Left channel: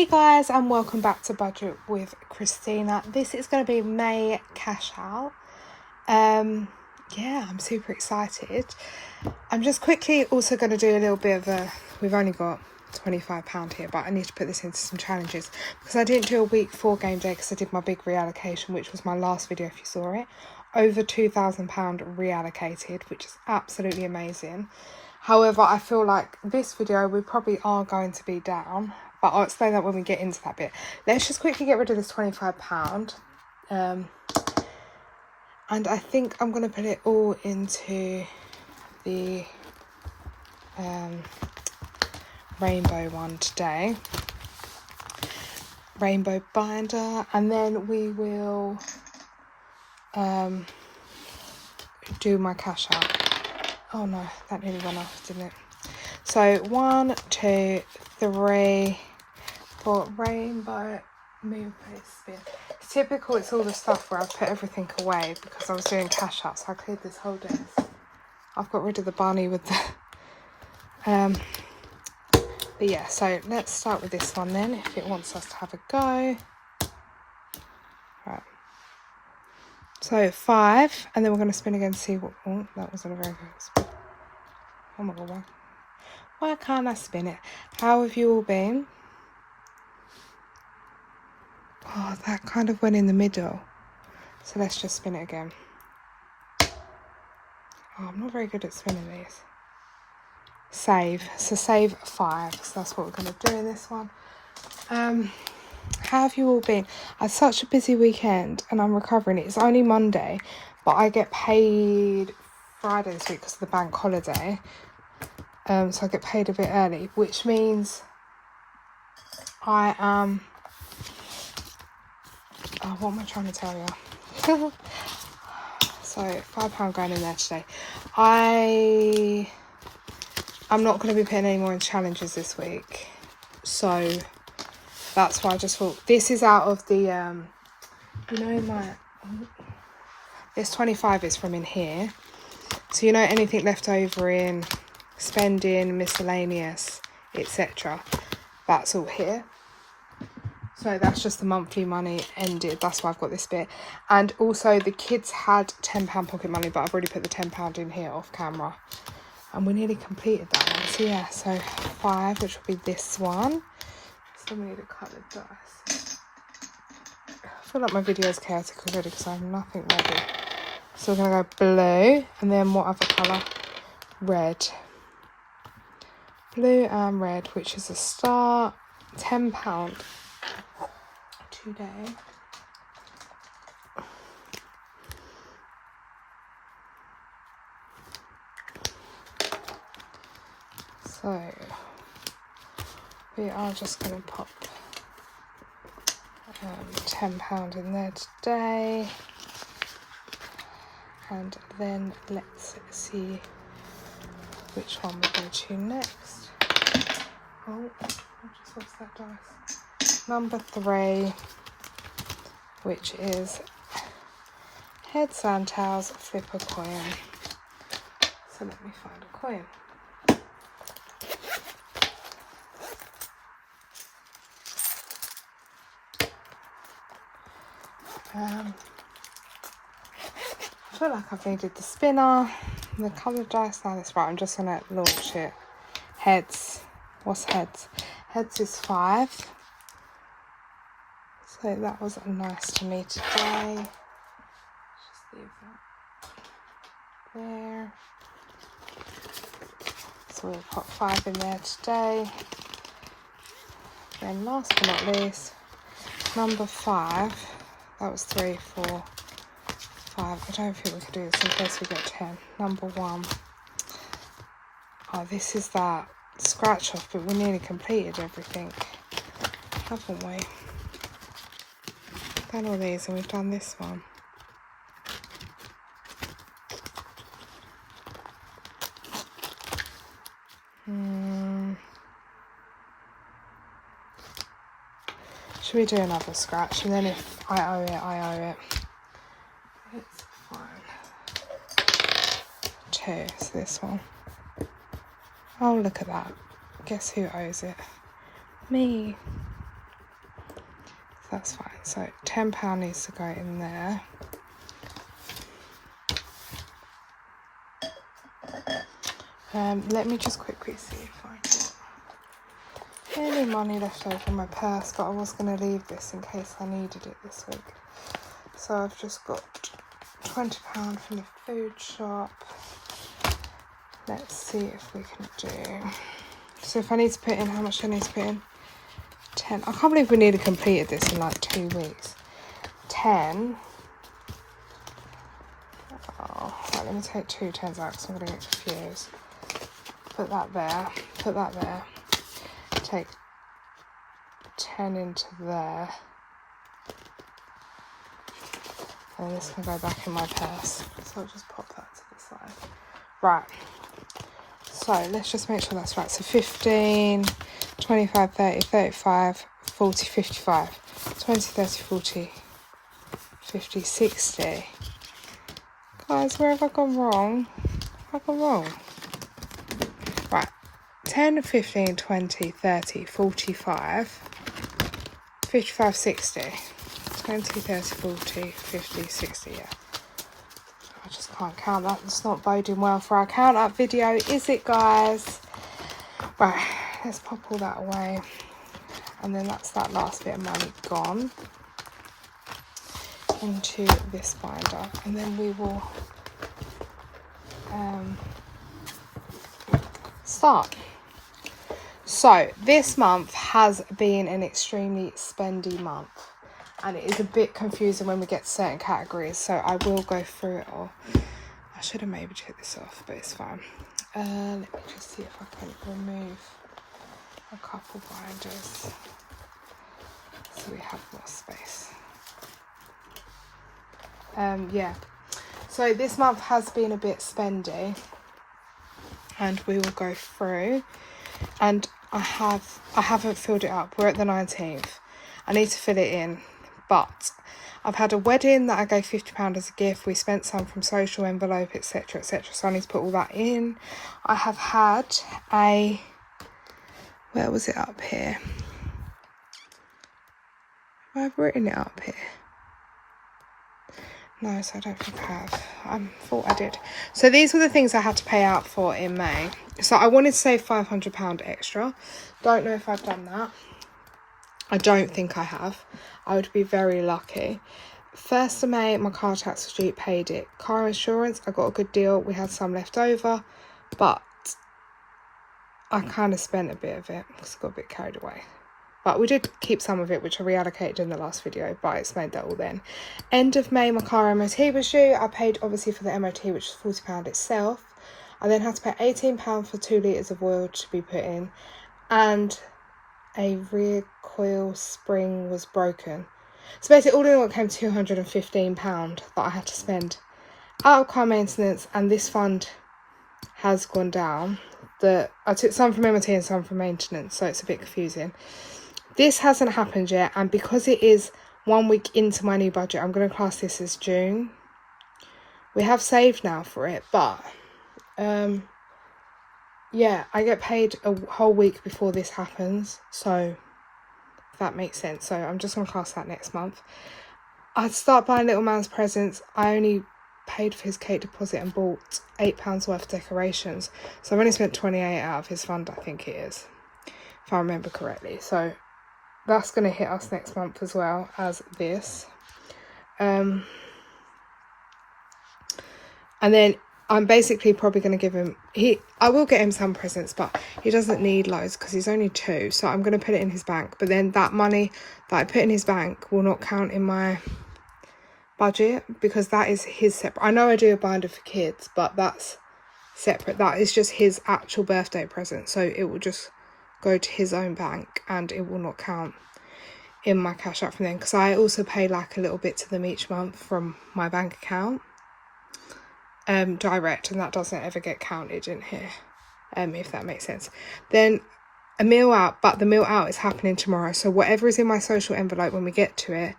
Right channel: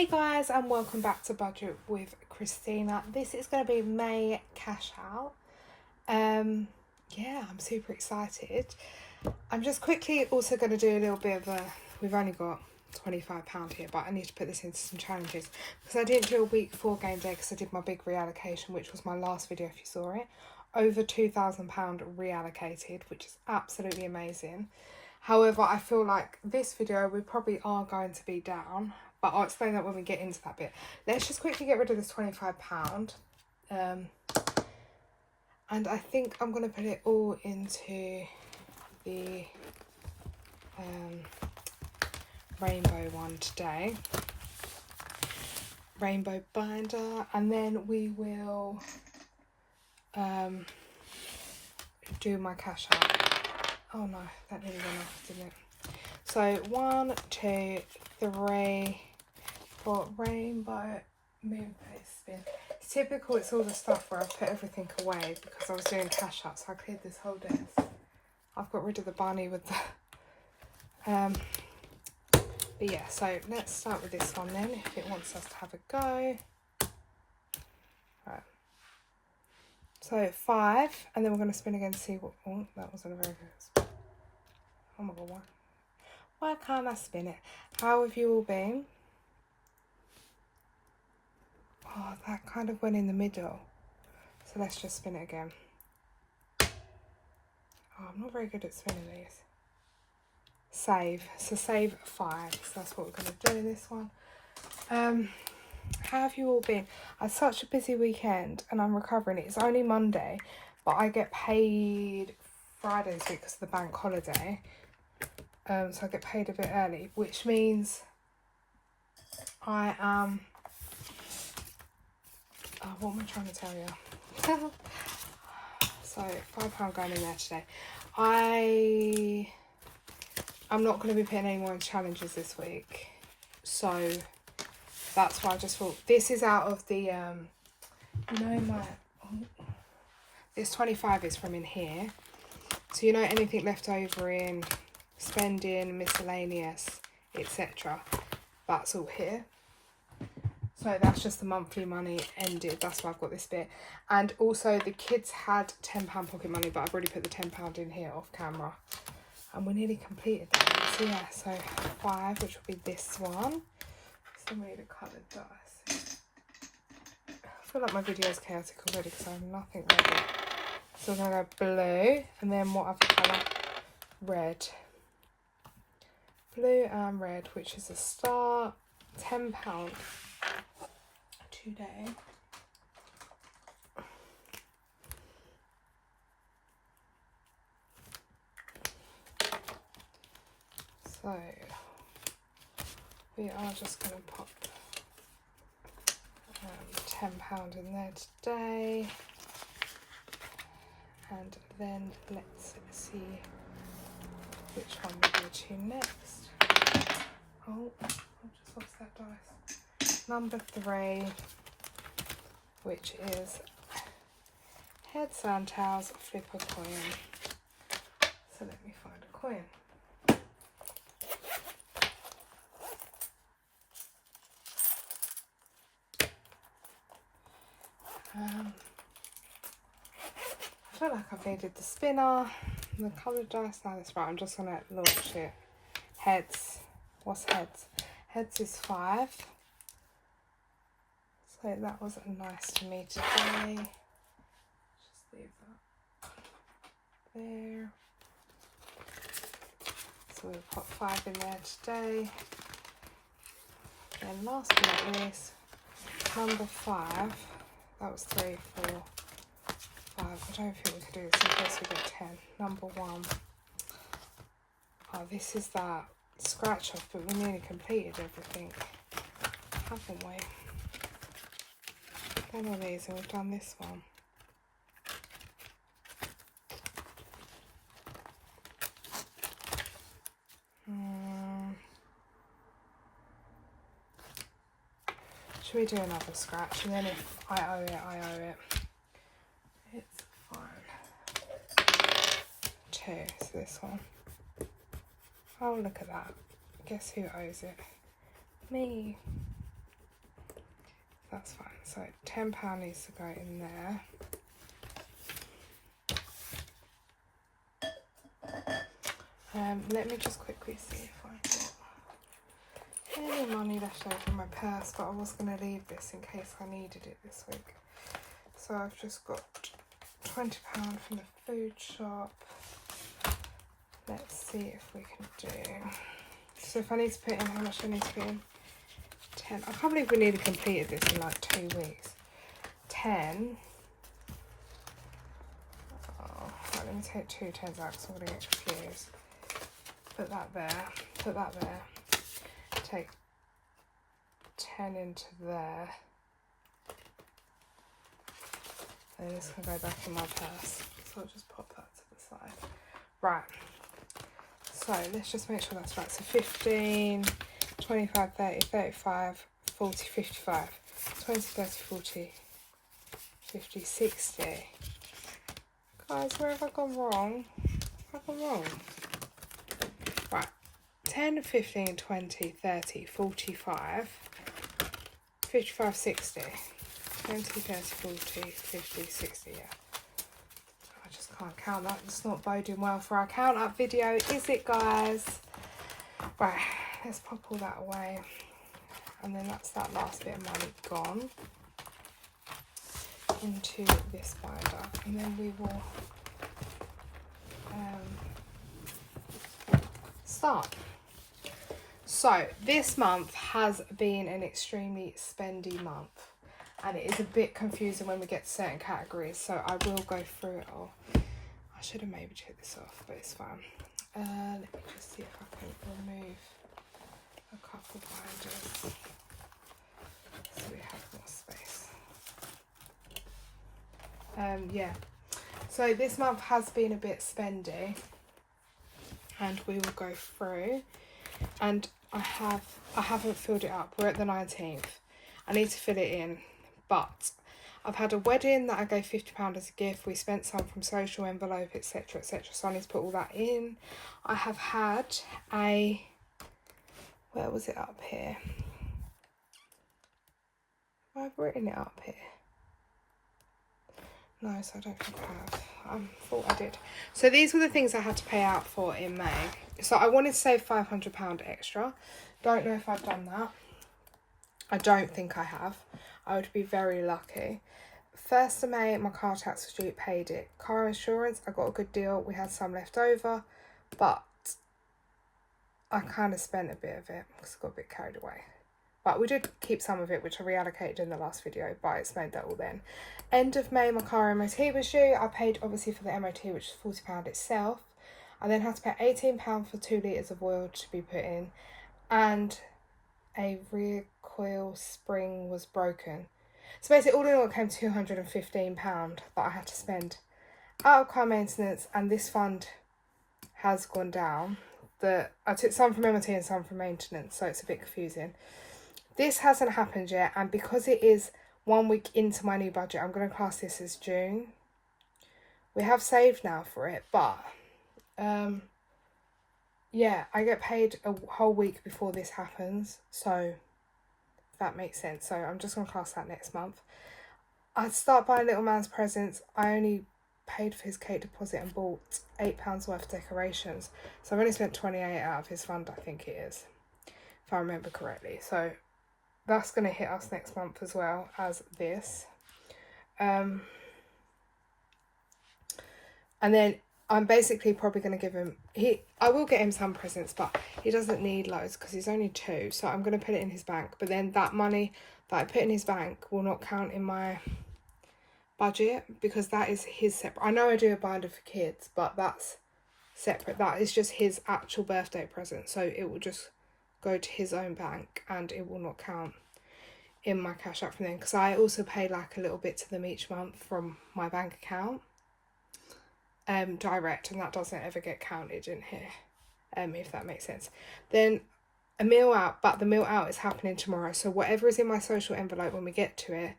Hey guys, and welcome back to Budget with Christina. This is going to be May cash out. Yeah, I'm super excited. I'm just quickly also going to do a little bit of a, we've only got £25 here, but I need to put this into some challenges because I didn't do a week 4 game day because I did my big reallocation, which was my last video if you saw it. Over £2,000 reallocated, which is absolutely amazing. However, I feel like this video we probably are going to be down, but I'll explain that when we get into that bit. Let's just quickly get rid of this £25. And I think I'm going to put it all into the rainbow one today. Rainbow binder. And then we will do my cash out. Oh no, that nearly went off, didn't it? So 1, 2, 3, 4, rainbow, move, spin. It's typical, it's all the stuff where I put everything away because I was doing cash out, so I cleared this whole desk. I've got rid of the bunny with the but yeah, so let's start with this one then, if it wants us to have a go. Right. So 5, and then we're going to spin again to see what, oh, that wasn't a very good spin. Oh my god, why can't I spin it? How have you all been? Oh, that kind of went in the middle. So let's just spin it again. Oh, I'm not very good at spinning these. Save. So save 5. So that's what we're going to do in this one. How have you all been? I had such a busy weekend and I'm recovering. It's only Monday, but I get paid Friday this week because of the bank holiday. So I get paid a bit early, which means I am... Oh, what am I trying to tell you? So £5 going in there today. I'm not going to be putting any more in challenges this week. So that's why I just thought this is out of the this 25 is from in here. So you know anything left over in spending, miscellaneous, etc. That's all here. So that's just the monthly money ended. That's why I've got this bit. And also the kids had £10 pocket money, but I've already put the £10 in here off camera. And we nearly completed that one. So yeah, so 5, which will be this one. So we need a coloured dice. I feel like my video is chaotic already because I have nothing ready. So we're going to go blue. And then what other colour? Red. Blue and red, which is a start. £10 today. So we are just going to pop £10 in there today, and then let's see which one we go to next. Oh, I just lost that dice. Number 3, which is heads and tails, flip a coin. So let me find a coin. I feel like I've needed the spinner, the coloured dice. Now that's right, I'm just going to launch it. Heads. What's heads? Heads is 5. So that was nice to me today. Just leave that there. So we'll put 5 in there today. Then last but not least, number 5. That was 3, 4, 5. I don't think we could do this in case we get 10. Number 1. Oh, this is that scratch off, but we nearly completed everything, haven't we? We've done all these and we've done this one. Should we do another scratch? And then if I owe it, I owe it. It's fine. 2, so this one. Oh, look at that. Guess who owes it? Me. That's fine. So £10 needs to go in there. Let me just quickly see if I got any money left over in my purse, but I was going to leave this in case I needed it this week. So I've just got £20 from the food shop. Let's see if we can do. So if I need to put in, how much do I need to put in? 10. I can't believe we nearly completed this in like 2 weeks. 10. Oh, right, let me take 2 10s out because I'm going to get confused. Put that there. Put that there. Take 10 into there. And this can go back in my purse. So I'll just pop that to the side. Right. So let's just make sure that's right. So 15, 25, 30, 35, 40, 55. 20, 30, 40, 50, 60. Guys, where have I gone wrong? Have I gone wrong? Right. 10, 15, 20, 30, 45, 55, 60. 20, 30, 40, 50, 60, yeah. I just can't count that. It's not boding well for our count up video, is it, guys? Right, let's pop all that away. And then that's that last bit of money gone into this binder. And then we will start. So this month has been an extremely spendy month. And it is a bit confusing when we get to certain categories, so I will go through it all. I should have maybe checked this off, but it's fine. Let me just see if I can remove a couple binders so we have more space. Yeah, so this month has been a bit spendy, and we will go through. And I haven't filled it up. We're at the 19th. I need to fill it in. But I've had a wedding that I gave £50 as a gift. We spent some from social envelope, etc, etc. So I need to put all that in. I have had a... Where was it up here? Have I written it up here? No, so I don't think I have. I thought I did. So these were the things I had to pay out for in May. So I wanted to save £500 extra. Don't know if I've done that. I don't think I have. I would be very lucky. 1st of May, my car tax was due, paid it. Car insurance, I got a good deal. We had some left over, but I kind of spent a bit of it because I got a bit carried away. But we did keep some of it, which I reallocated in the last video, but I explained that all then. End of May, my car MOT was due. I paid, obviously, for the MOT, which was £40 itself. I then had to pay £18 for 2 litres of oil to be put in. And a rear coil spring was broken. So basically all in all it came £215 that I had to spend out of car maintenance, and this fund has gone down. I took some from MOT and some from maintenance, so it's a bit confusing. This hasn't happened yet, and because it is 1 week into my new budget, I'm going to class this as June. We have saved now for it, but yeah, I get paid a whole week before this happens, so if that makes sense. So I'm just going to class that next month. I'd start buying little man's presents. I only paid for his cake deposit and bought £8 worth of decorations. So I've only spent 28 out of his fund, I think it is, if I remember correctly. So that's going to hit us next month as well as this. And then I'm basically probably going to give him... I will get him some presents, but he doesn't need loads because he's only 2. So I'm going to put it in his bank. But then that money that I put in his bank will not count in my budget because that is his separate... I know I do a binder for kids, but that's separate. That is just his actual birthday present. So it will just go to his own bank and it will not count in my cash out from them. Because I also pay like a little bit to them each month from my bank account. Direct, and that doesn't ever get counted in here, if that makes sense. Then a meal out, but the meal out is happening tomorrow, so whatever is in my social envelope when we get to it,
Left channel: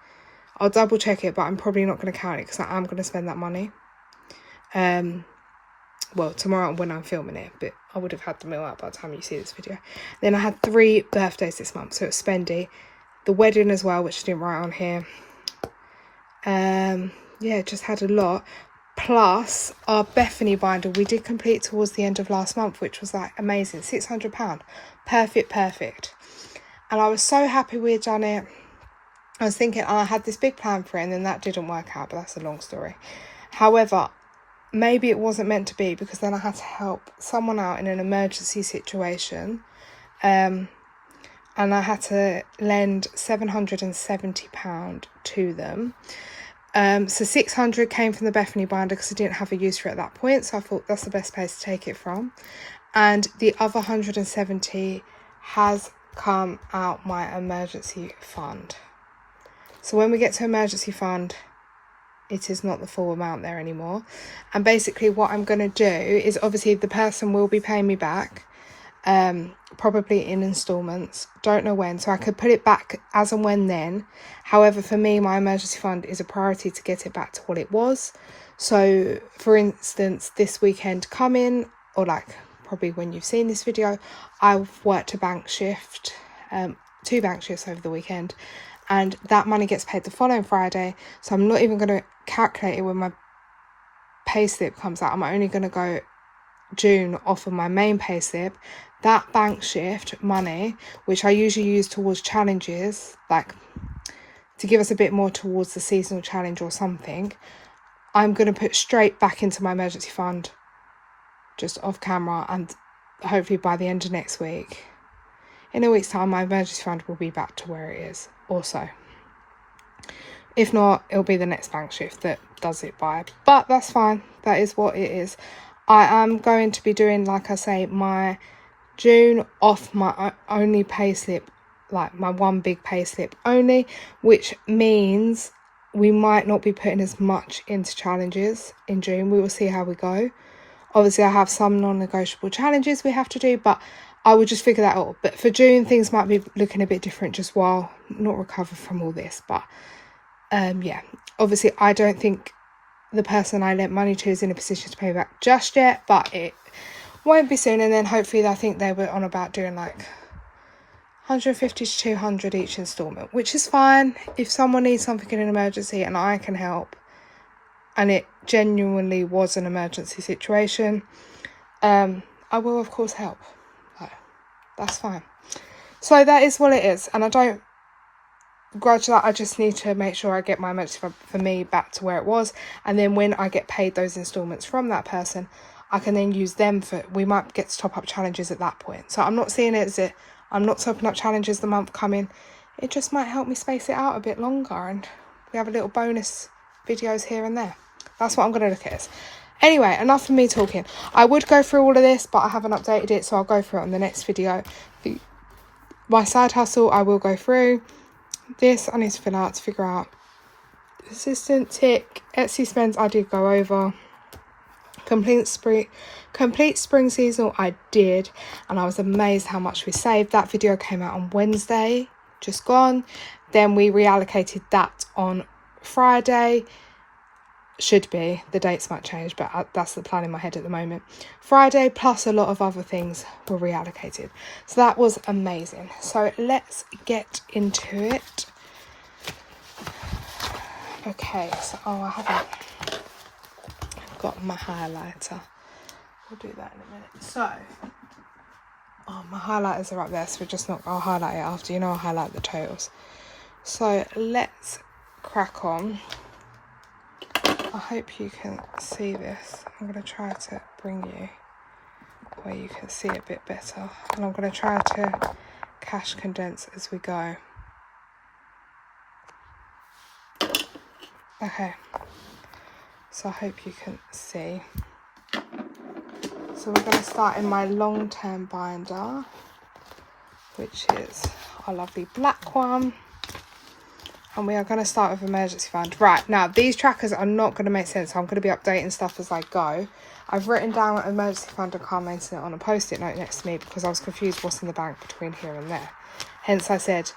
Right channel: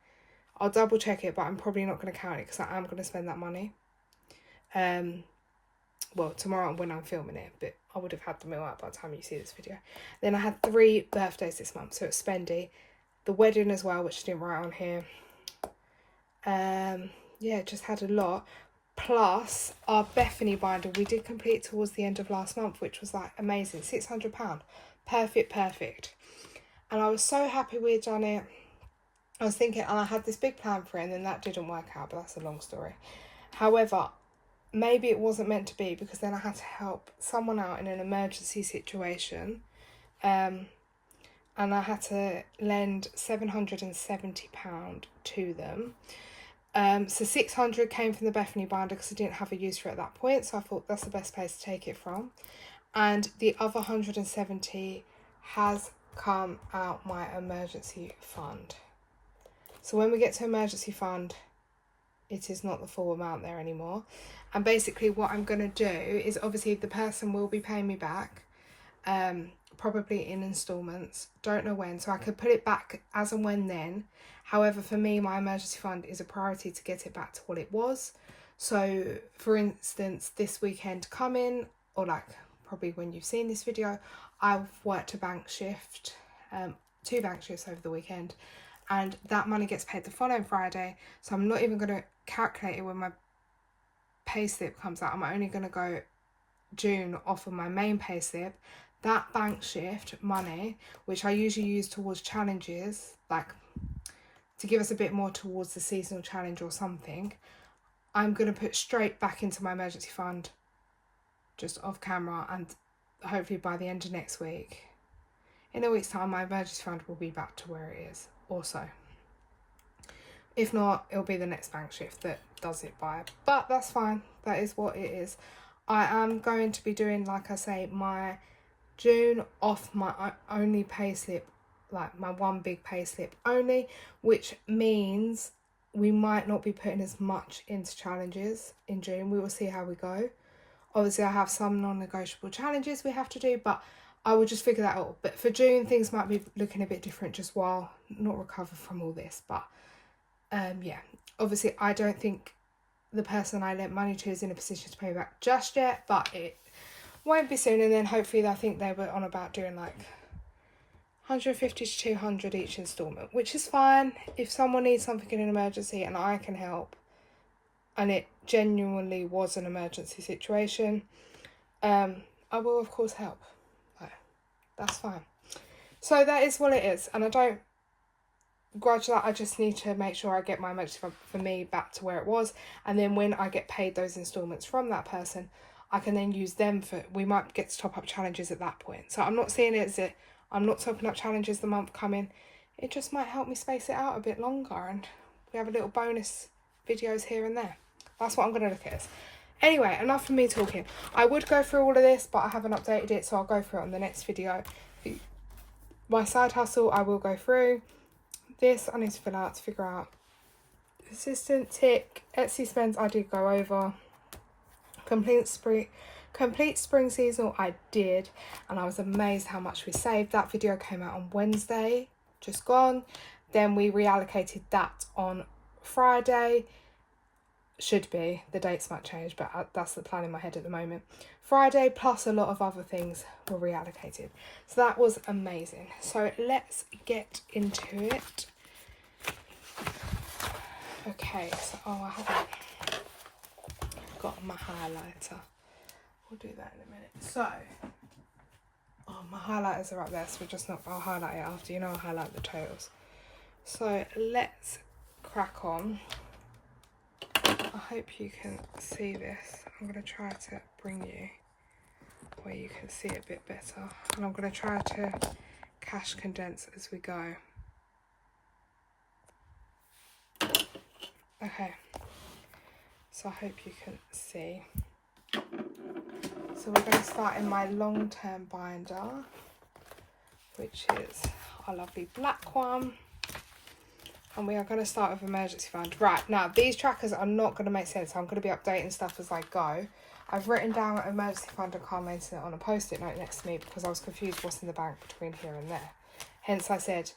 I'll double check it, but I'm probably not going to count it because I am going to spend that money well, tomorrow when I'm filming it, but I would have had the meal out by the time you see this video. Then I had 3 birthdays this month, so it's Spendy, the wedding as well, which I didn't write on here. Yeah, just had a lot. Plus our Bethany binder we did complete towards the end of last month, which was like amazing. £600. Perfect. And I was so happy we had done it. I was thinking, I had this big plan for it, and then that didn't work out, but that's a long story. However, maybe it wasn't meant to be, because then I had to help someone out in an emergency situation. And I had to lend £770 to them. So 600 came from the Bethany binder because I didn't have a use for it at that point. So I thought that's the best place to take it from. And the other 170 has come out my emergency fund. So when we get to emergency fund, it is not the full amount there anymore. And basically what I'm going to do is, obviously the person will be paying me back, probably in installments. Don't know when, so I could put it back as and when then. However, for me, my emergency fund is a priority to get it back to what it was. So for instance, this weekend coming, or like probably when you've seen this video, I've worked a bank shift, 2 bank shifts over the weekend, and that money gets paid the following Friday. So I'm not even going to calculate it when my pay slip comes out. I'm only going to go June off of my main pay slip. That bank shift money, which I usually use towards challenges, like to give us a bit more towards the seasonal challenge or something, I'm going to put straight back into my emergency fund, just off camera, and hopefully by the end of next week, in a week's time, my emergency fund will be back to where it is also. If not, it'll be the next bank shift that does it by, but that's fine. That is what it is. I am going to be doing, like I say, my June off my only pay slip, like my one big pay slip only, which means we might not be putting as much into challenges in June. We will see how we go. Obviously I have some non-negotiable challenges we have to do, but I will just figure that out. But for June, things might be looking a bit different just while not recover from all this. But yeah, obviously I don't think the person I lent money to is in a position to pay back just yet, but it won't be soon. And then hopefully, I think they were on about doing like 150 to 200 each instalment, which is fine. If someone needs something in an emergency and I can help, and it genuinely was an emergency situation, I will of course help. So that's fine. So that is what it is, and I don't grudge that. I just need to make sure I get my emergency fund for me back to where it was, and then when I get paid those instalments from that person, I can then use them for, we might get to top up challenges at that point. So I'm not seeing it as it, I'm not topping up challenges the month coming. It just might help me space it out a bit longer, and we have a little bonus videos here and there. That's what I'm going to look at this. Anyway, enough of me talking. I would go through all of this, but I haven't updated it, so I'll go through it on the next video. My side hustle, I will go through. This I need to fill out to figure out. Assistant tick, Etsy spends I did go over. Complete spring seasonal I did, and I was amazed how much we saved. That video came out on Wednesday, just gone. Then we reallocated that on Friday. Should be, the dates might change, but that's the plan in my head at the moment. Friday, plus a lot of other things were reallocated, so that was amazing. So let's get into it. Okay, so I've got my highlighter. We'll do that in a minute. So my highlighters are up there, so I'll highlight it after. I'll highlight the totals. So let's crack on. I hope you can see this. I'm going to try to bring you where you can see it a bit better, and I'm going to try to cash condense as we go. Okay, so I hope you can see. So we're going to start in my long-term binder, which is our lovely black one. And we are going to start with emergency fund. Right, now these trackers are not going to make sense. So I'm going to be updating stuff as I go. I've written down emergency fund and car maintenance on a post-it note next to me because I was confused what's in the bank between here and there. Hence I said,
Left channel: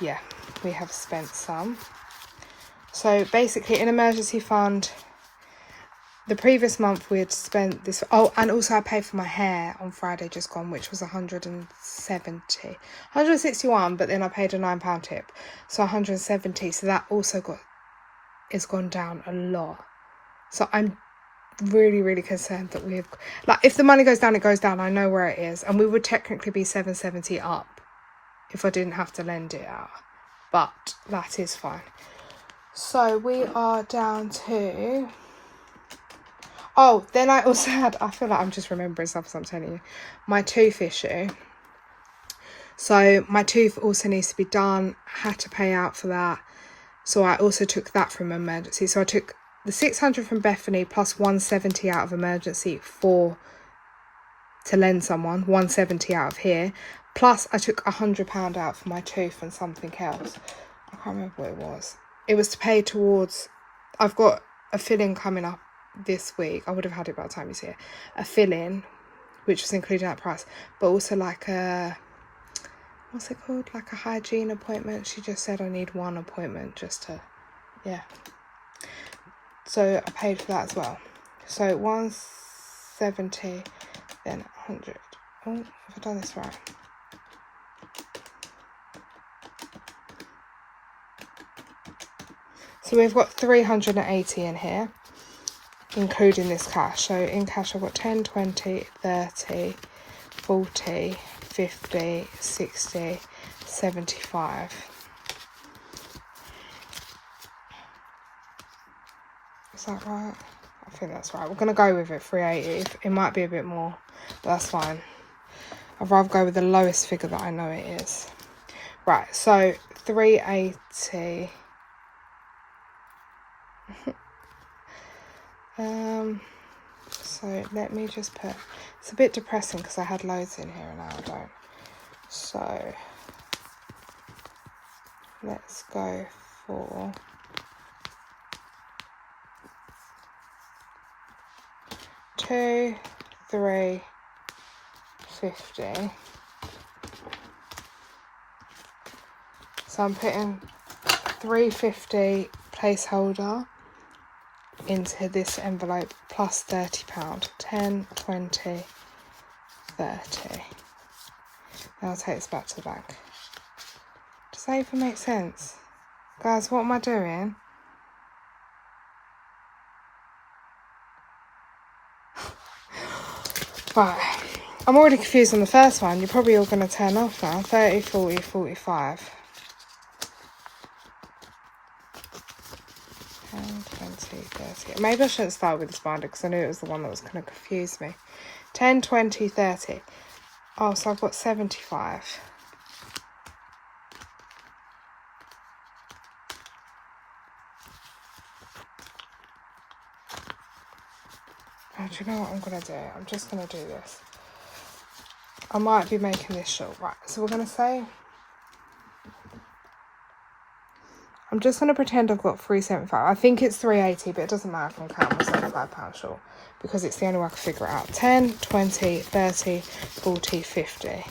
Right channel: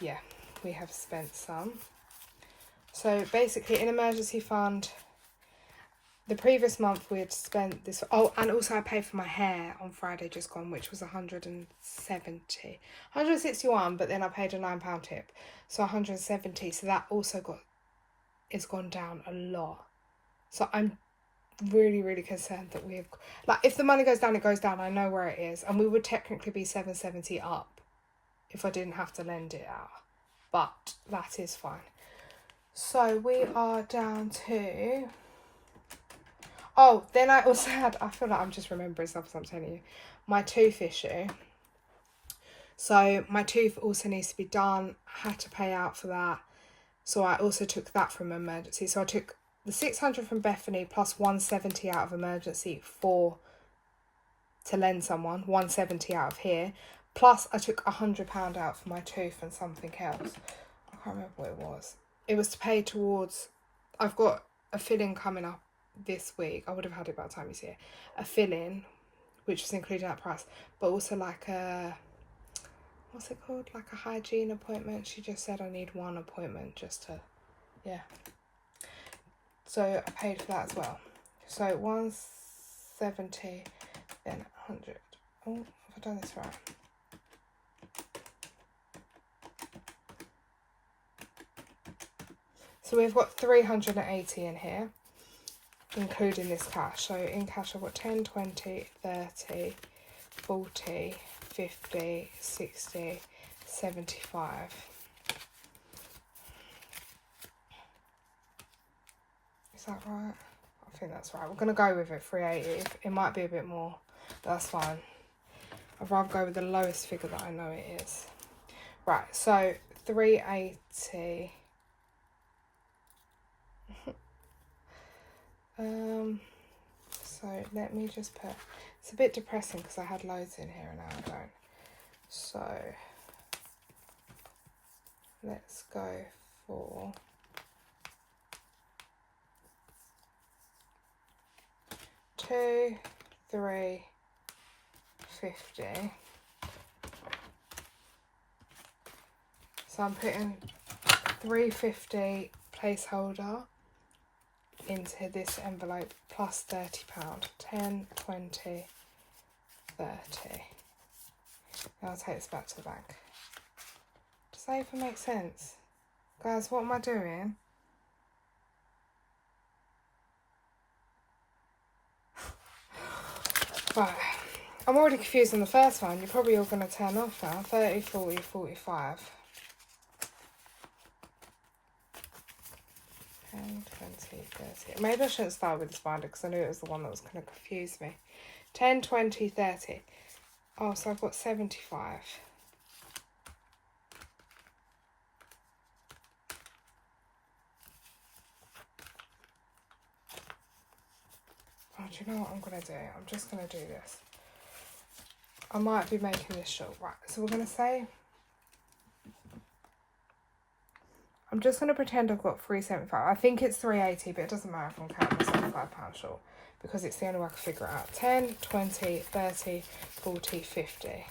yeah, we have spent some. So basically in emergency fund, the previous month we had spent this. Oh, and also I paid for my hair on Friday just gone, which was 161, but then I paid a £9 tip, so 170. So that also is gone down a lot. So I'm really, really concerned that we've, like, if the money goes down, it goes down. I know where it is, and we would technically be 770 up if I didn't have to lend it out, but that is fine. So we are down to, oh, then I also had, I feel like I'm just remembering stuff as I'm telling you, my tooth issue. So my tooth also needs to be done, had to pay out for that. So I also took that from emergency. So I took the 600 from Bethany plus 170 out of emergency to lend someone, 170 out of here. Plus I took £100 out for my tooth and something else. I can't remember what it was. It was to pay towards, I've got a fill-in coming up this week. I would have had it by the time you see it. A fill-in, which was included in that price, but also like a, what's it called? Like a hygiene appointment. She just said I need one appointment just to, yeah. So I paid for that as well. So 170, then 100. Oh, have I done this right? So we've got 380 in here, including this cash. So in cash I've got 10, 20, 30, 40, 50, 60, 75. Is that right? I think that's right. We're going to go with it, 380. It might be a bit more, but that's fine. I'd rather go with the lowest figure that I know it is. Right, so 380. So let me just put, it's a bit depressing because I had loads in here and now I don't. So let's go for 2, 3, 50. So I'm putting 350 placeholder into this envelope plus £30. 10, 20, 30. Now I'll take this back to the bank. Does that even make sense? Guys, what am I doing? Right, I'm already confused on the first one. You're probably all going to turn off now. 30, 40, 45. 10, 20, 30. Maybe I shouldn't start with this binder because I knew it was the one that was going to confuse me. 10, 20, 30. Oh, so I've got 75. Oh, do you know what I'm going to do? I'm just going to do this. I might be making this short. Right, so we're going to say, I'm just going to pretend I've got 375. I think it's 380, but it doesn't matter if I'm counting myself £5 short because it's the only way I can figure it out. 10, 20, 30, 40, 50.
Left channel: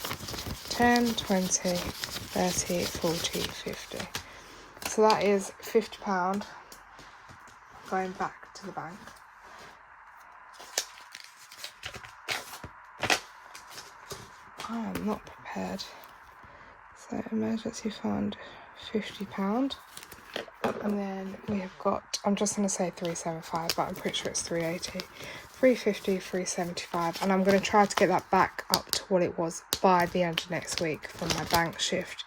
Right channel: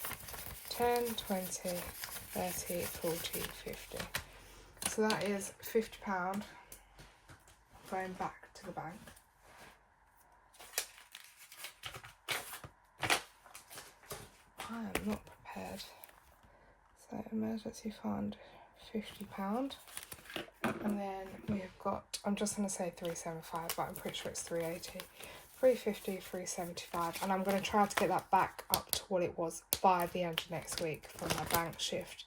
10, 20, 30, 40, 50. So that is £50 going back to the bank. I am not prepared. So emergency fund, £50. And then we have got, I'm just going to say 375, but I'm pretty sure it's 380. 350, 375. And I'm going to try to get that back up to what it was by the end of next week from my bank shift.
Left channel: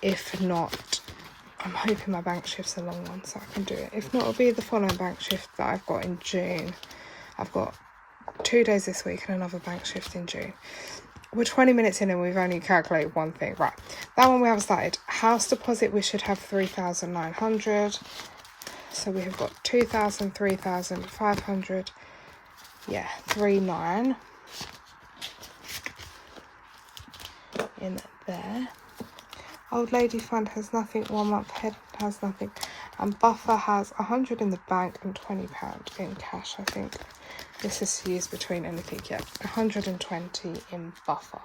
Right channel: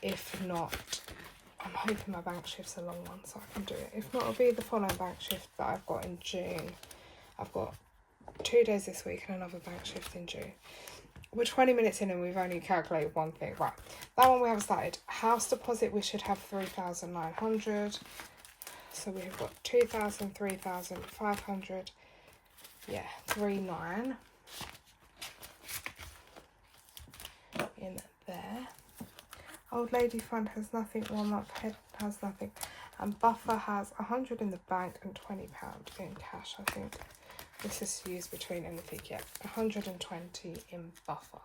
If not, I'm hoping my bank shift's a long one so I can do it. If not, it'll be the following bank shift that I've got in June. I've got 2 days this week and another bank shift in June. We're 20 minutes in and we've only calculated one thing. Right, that one we haven't started. House deposit, we should have 3,900. So we have got 2,000, 3,500. Yeah, 3,900 in there. Old lady fund has nothing. 1 month ahead has nothing. And buffer has 100 in the bank and £20 in cash, I think. This is used between anything, yeah. 120 in buffer.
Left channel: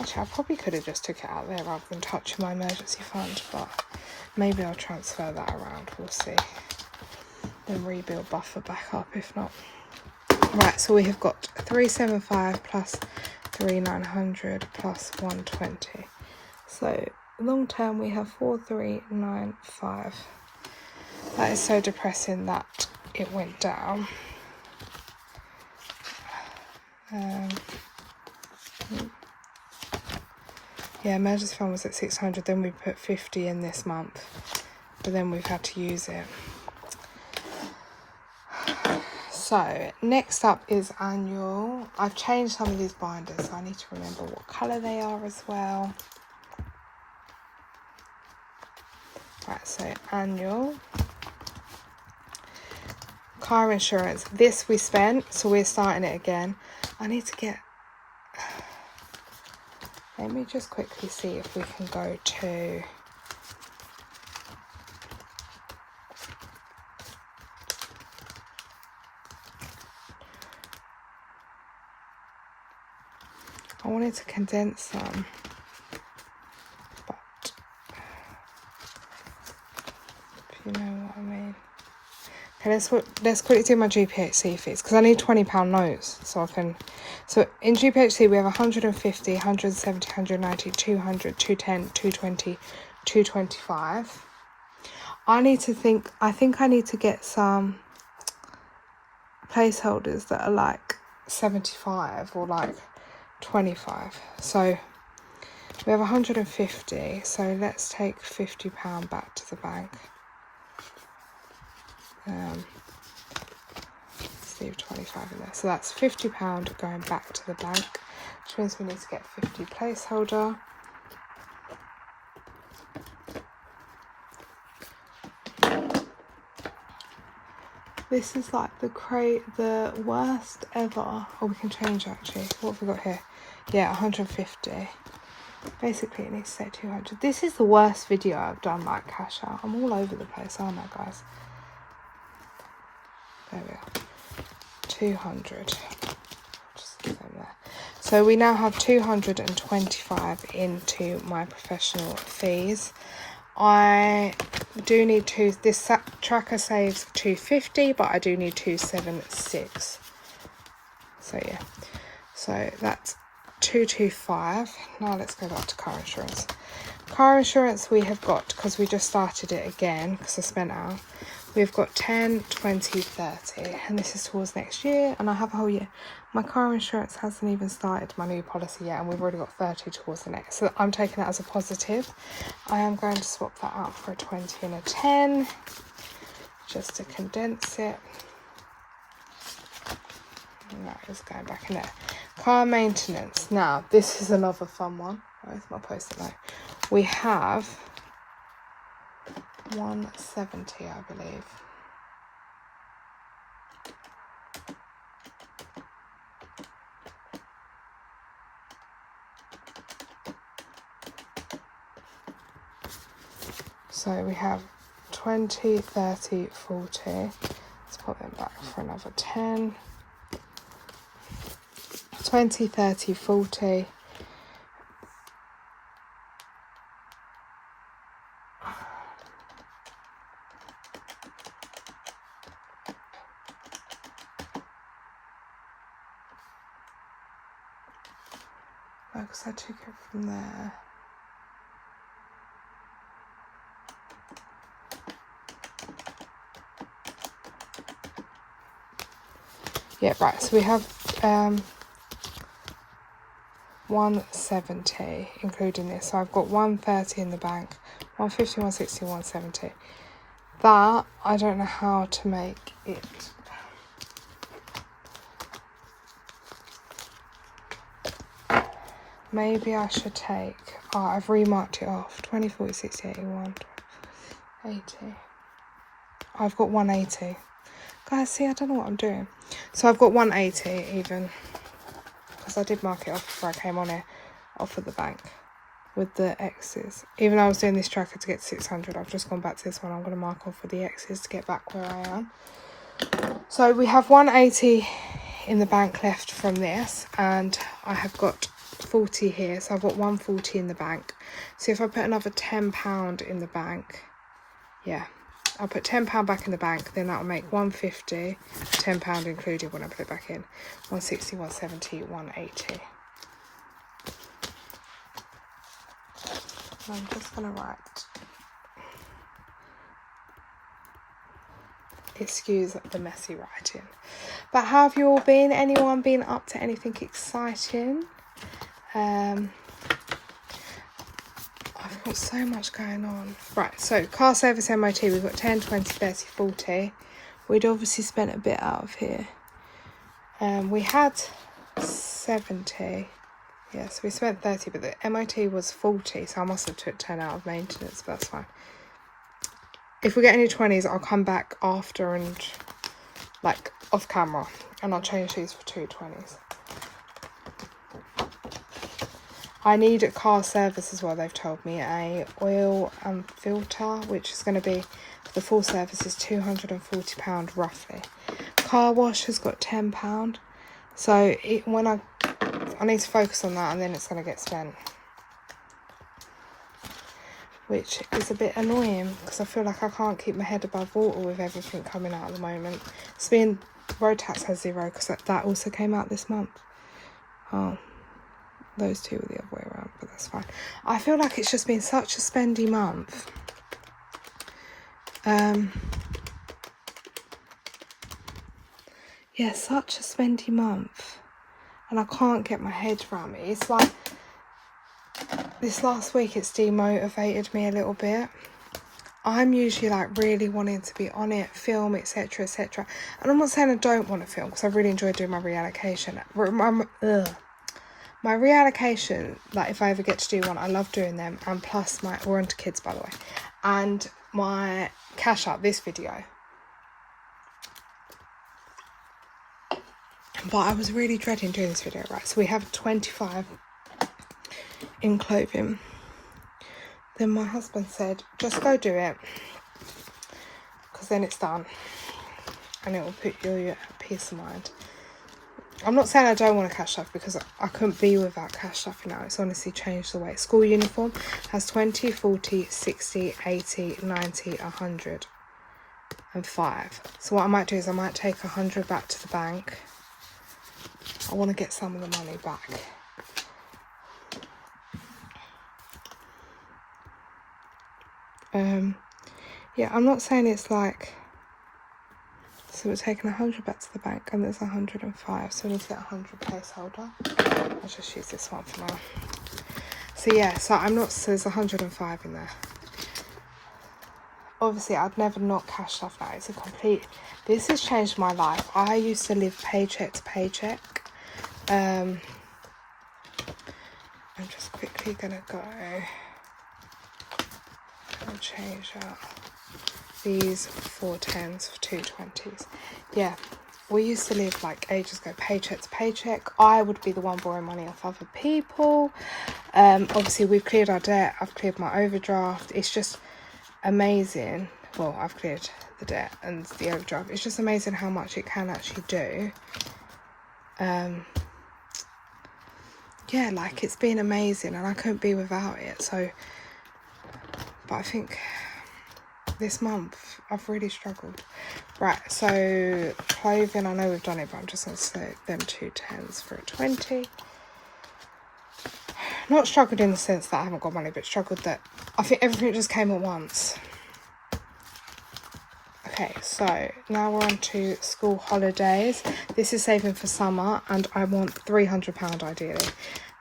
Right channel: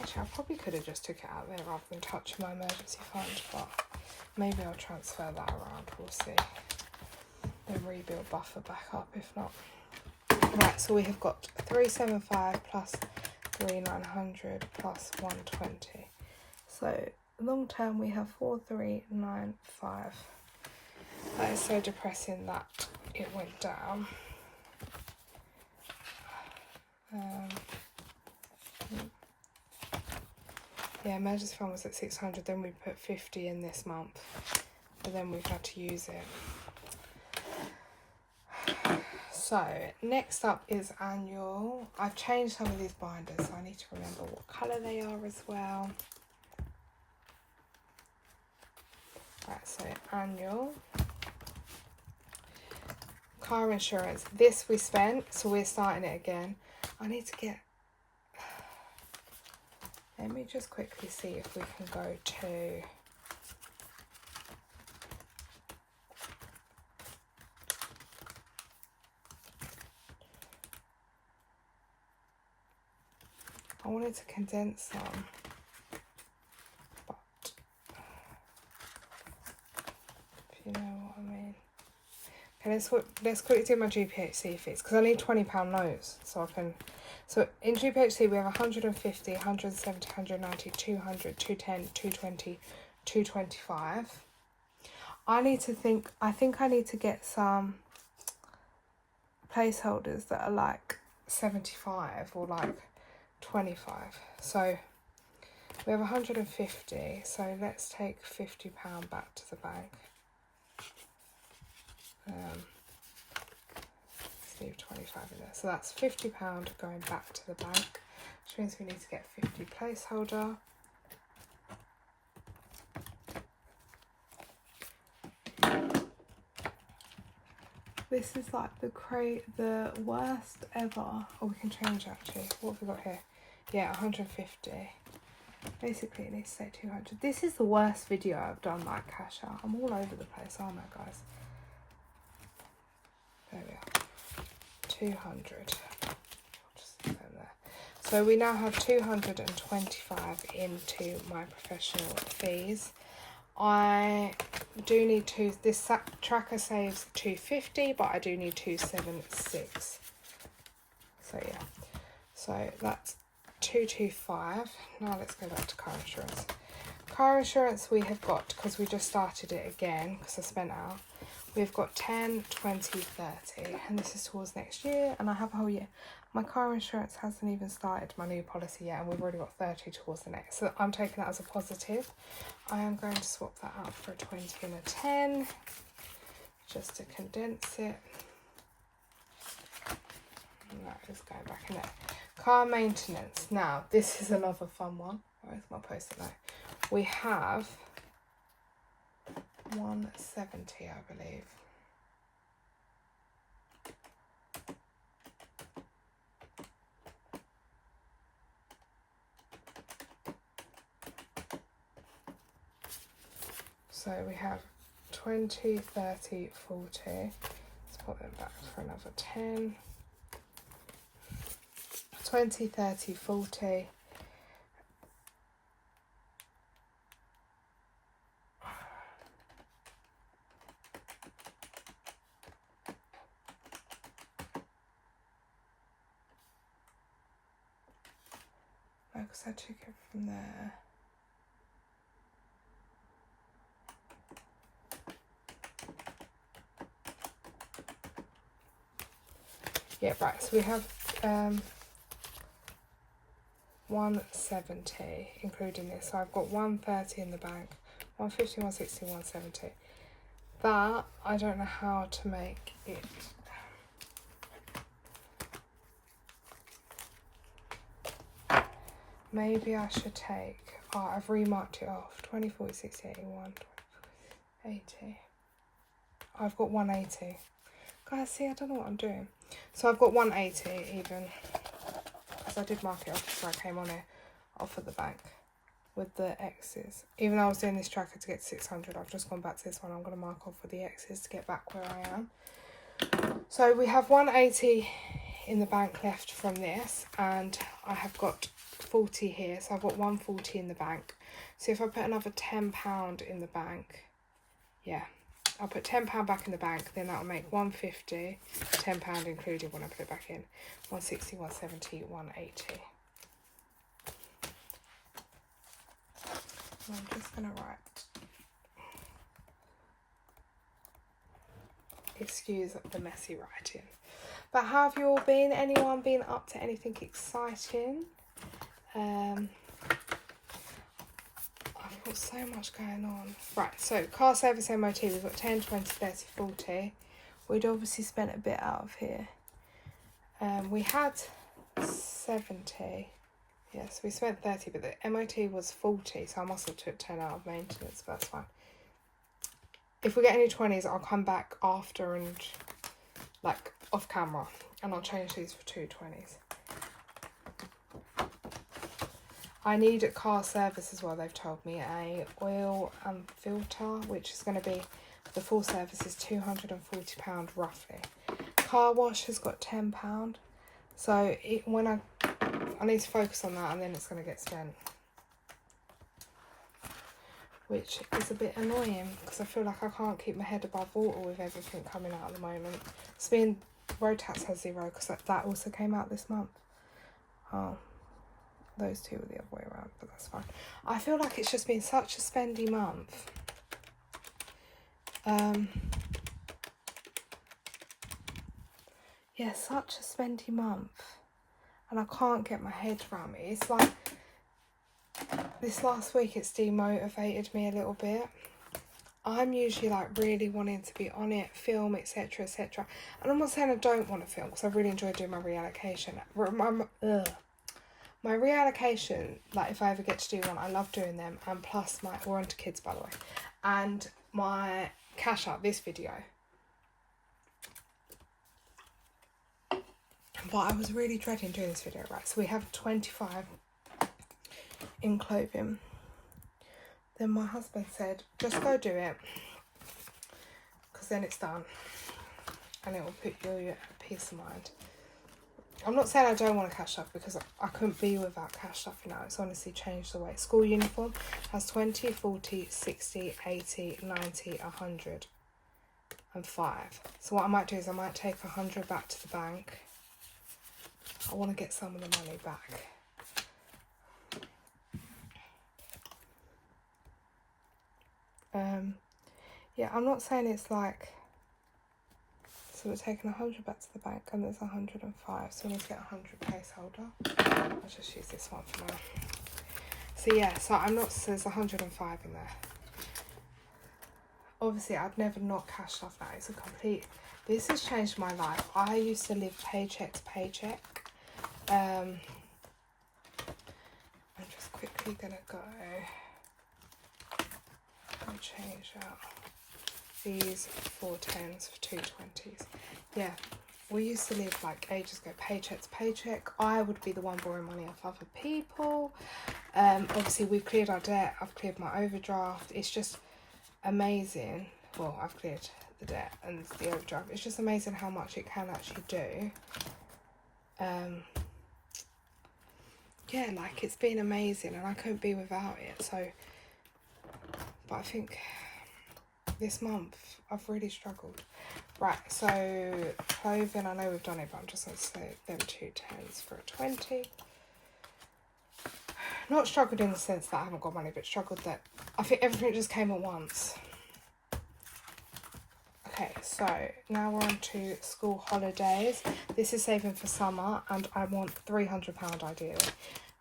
Actually, I probably could have just took it out there rather than touching my emergency fund, but maybe I'll transfer that around. We'll see. then rebuild buffer back up if not. Right, so we have got 375 plus 3900 plus 120. So long term we have 4395. That is so depressing that it went down. Yeah, emergency fund was at 600, then we put 50 in this month, but then we've had to use it. So next up is annual. I've changed some of these binders, so I need to remember what colour they are as well. Right, so annual. Car insurance. This we spent, so we're starting it again. I need to get... Let me just quickly see if we can go to... I wanted to condense some, but if you know what I mean. Okay, let's quickly do my GPHC fees, because I need £20 notes, so I can... So in GPHC we have 150, 170, 190, 200, 210, 220, 225. I think I need to get some placeholders that are like 75 or like 25. So we have 150, so let's take £50 back to the bank. Let's leave 25 in there. So that's £50 going back to the bank, which means we need to get 50 placeholder. This is like the worst ever. Oh, we can change actually. What have we got here? Yeah, 150. Basically, it needs to say 200. This is the worst video I've done, like cash out. I'm all over the place, aren't I, guys? There we are. 200. Just leave them there. So we now have 225 into my professional fees. I do need this tracker saves 250, but I do need 276. So yeah, so that's 225. Now let's go back to car insurance. Car insurance we have got, because we just started it again because I spent out, we've got 10, 20, 30, and this is towards next year, and I have a whole year. My car insurance hasn't even started my new policy yet, and we've already got 30 towards the next, so I'm taking that as a positive. I am going to swap that out for a 20 and a 10 just to condense it. And that is going back in there. Car maintenance. Now this is another fun one. Where's my post-it note? We have 170, I believe. So we have 20, 30, 40. Let's put them back for another 10. 20, 30, 40. Because I took it from there. Yeah, right, so we have 170 including this. So I've got 130 in the bank, 150, 160, 170. That, I don't know how to make it. Maybe I should take, I've remarked it off, 20, 40, 60, 81, 80. I've got 180. Guys, see, I don't know what I'm doing. So I've got 180 even, because I did mark it off before I came on here, off at the bank with the X's. Even though I was doing this tracker to get 600, I've just gone back to this one. I'm going to mark off with the X's to get back where I am. So we have 180 in the bank left from this, and I have got 40 here, so I've got 140 in the bank. So if I put another £10 in the bank, yeah, I'll put £10 back in the bank, then that'll make £150, £10 included when I put it back in, 160, 170, 180. I'm just gonna write, excuse the messy writing. But how have you all been? Anyone been up to anything exciting? I've got so much going on. Right, so car service MOT, we've got 10, 20, 30, 40. We'd obviously spent a bit out of here. We had 70. Yeah, so we spent 30, but the MOT was 40, so I must have took 10 out of maintenance, but that's fine. If we get any 20s, I'll come back after and, like, off camera, and I'll change these for 2 20s. I need a car service as well, they've told me, a oil and filter, which is going to be, the full service is £240 roughly. Car wash has got £10, so when I need to focus on that, and then it's going to get spent, which is a bit annoying because I feel like I can't keep my head above water with everything coming out at the moment. Road tax has 0 because that also came out this month. Oh, those two were the other way around, but that's fine. I feel like it's just been such a spendy month. Yeah, such a spendy month, and I can't get my head around it. It's like this last week, it's demotivated me a little bit. I'm usually like really wanting to be on it, film, etc, etc. And I'm not saying I don't want to film, because I really enjoy doing my reallocation. My reallocation, like if I ever get to do one, I love doing them. And plus we're onto kids, by the way. And my cash out, this video. But I was really dreading doing this video, right? So we have 25 in clothing. Then my husband said, just go do it, because then it's done and it will put you at peace of mind. I'm not saying I don't want to cash stuff, because I couldn't be without cash stuff now. It's honestly changed the way. School uniform has 20, 40, 60, 80, 90, 100 and 5. So what I might do is I might take 100 back to the bank. I want to get some of the money back. Yeah, I'm not saying it's like, so we're taking 100 back to the bank, and there's 105, so we need to get 100 placeholder. I'll just use this one for now. So yeah, so there's 105 in there. Obviously I'd never not cash stuff now. It's a complete, this has changed my life. I used to live paycheck to paycheck. I'm just quickly gonna go. I'll change out these 4 10s for 2 20s. Yeah, we used to live like ages ago, paycheck to paycheck. I would be the one borrowing money off other people. Obviously we've cleared our debt. I've cleared my overdraft. It's just amazing. Well, I've cleared the debt and the overdraft. It's just amazing how much it can actually do. Yeah, like it's been amazing, and I couldn't be without it. So, but I think this month I've really struggled. Right, so clothing, I know we've done it, but I'm just going to select them 2 10s for a 20. Not struggled in the sense that I haven't got money, but struggled that I think everything just came at once. Okay, so now we're on to school holidays. This is saving for summer, and I want £300 ideally.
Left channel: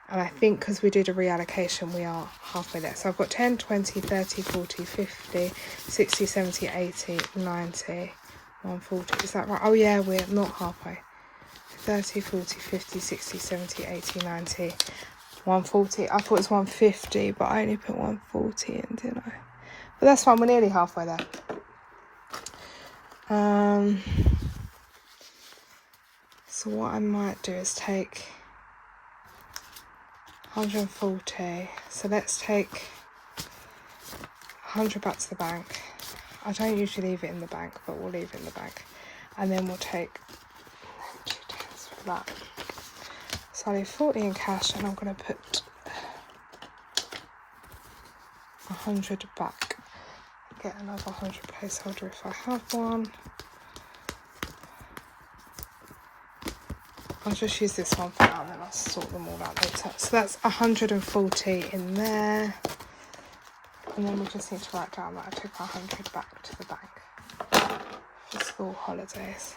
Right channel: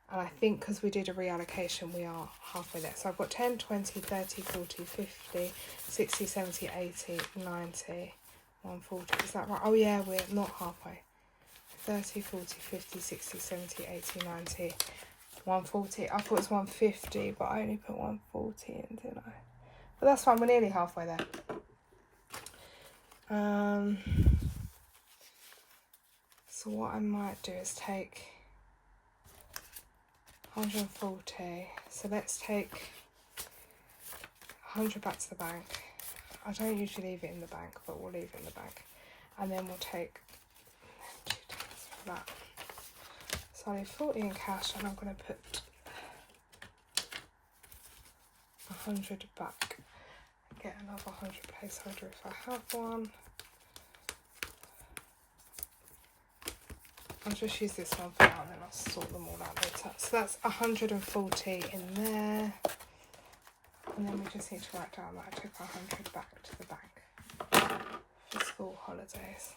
And I think because we did a reallocation, we are halfway there. So I've got 10, 20, 30, 40, 50, 60, 70, 80, 90, 140. Is that right? Oh yeah, we're not halfway. 30, 40, 50, 60, 70, 80, 90, 140. I thought it was 150, but I only put 140 in, didn't I? But that's fine, we're nearly halfway there. So what I might do is take 140. So let's take 100 back to the bank. I don't usually leave it in the bank, but we'll leave it in the bank. And then we'll take 2 tens for that. So I leave 40 in cash, and I'm going to put 100 back. get another 100 placeholder if I have one. I'll just use this one for now and then I'll sort them all out later. So that's 140 in there. And then we just need to write down that I took 100 back to the bank for school holidays.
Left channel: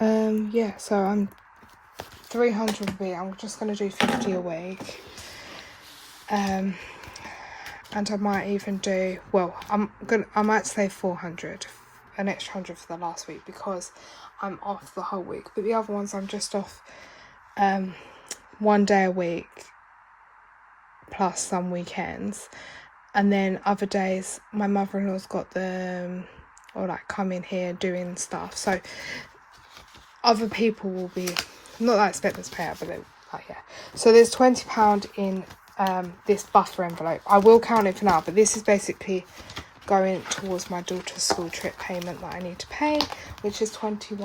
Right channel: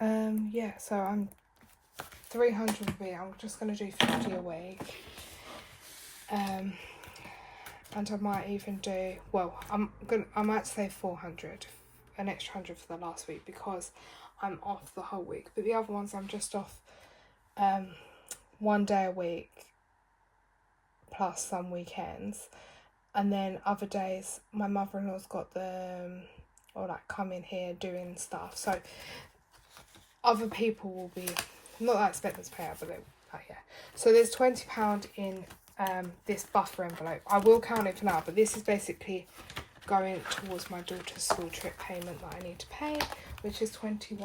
Yeah, so I'm 300 a week. I'm just going to do 50 a week. And I might even do, well, I might say 400, an extra 100 for the last week because I'm off the whole week. But the other ones I'm just off 1 day a week plus some weekends. And then other days my mother-in-law's got the, or like come in here doing stuff. So other people will be, not that I expect them to pay out, but they're like, yeah. So there's £20 in this buffer envelope. I will count it for now, but this is basically going towards my daughter's school trip payment that I need to pay, which is £21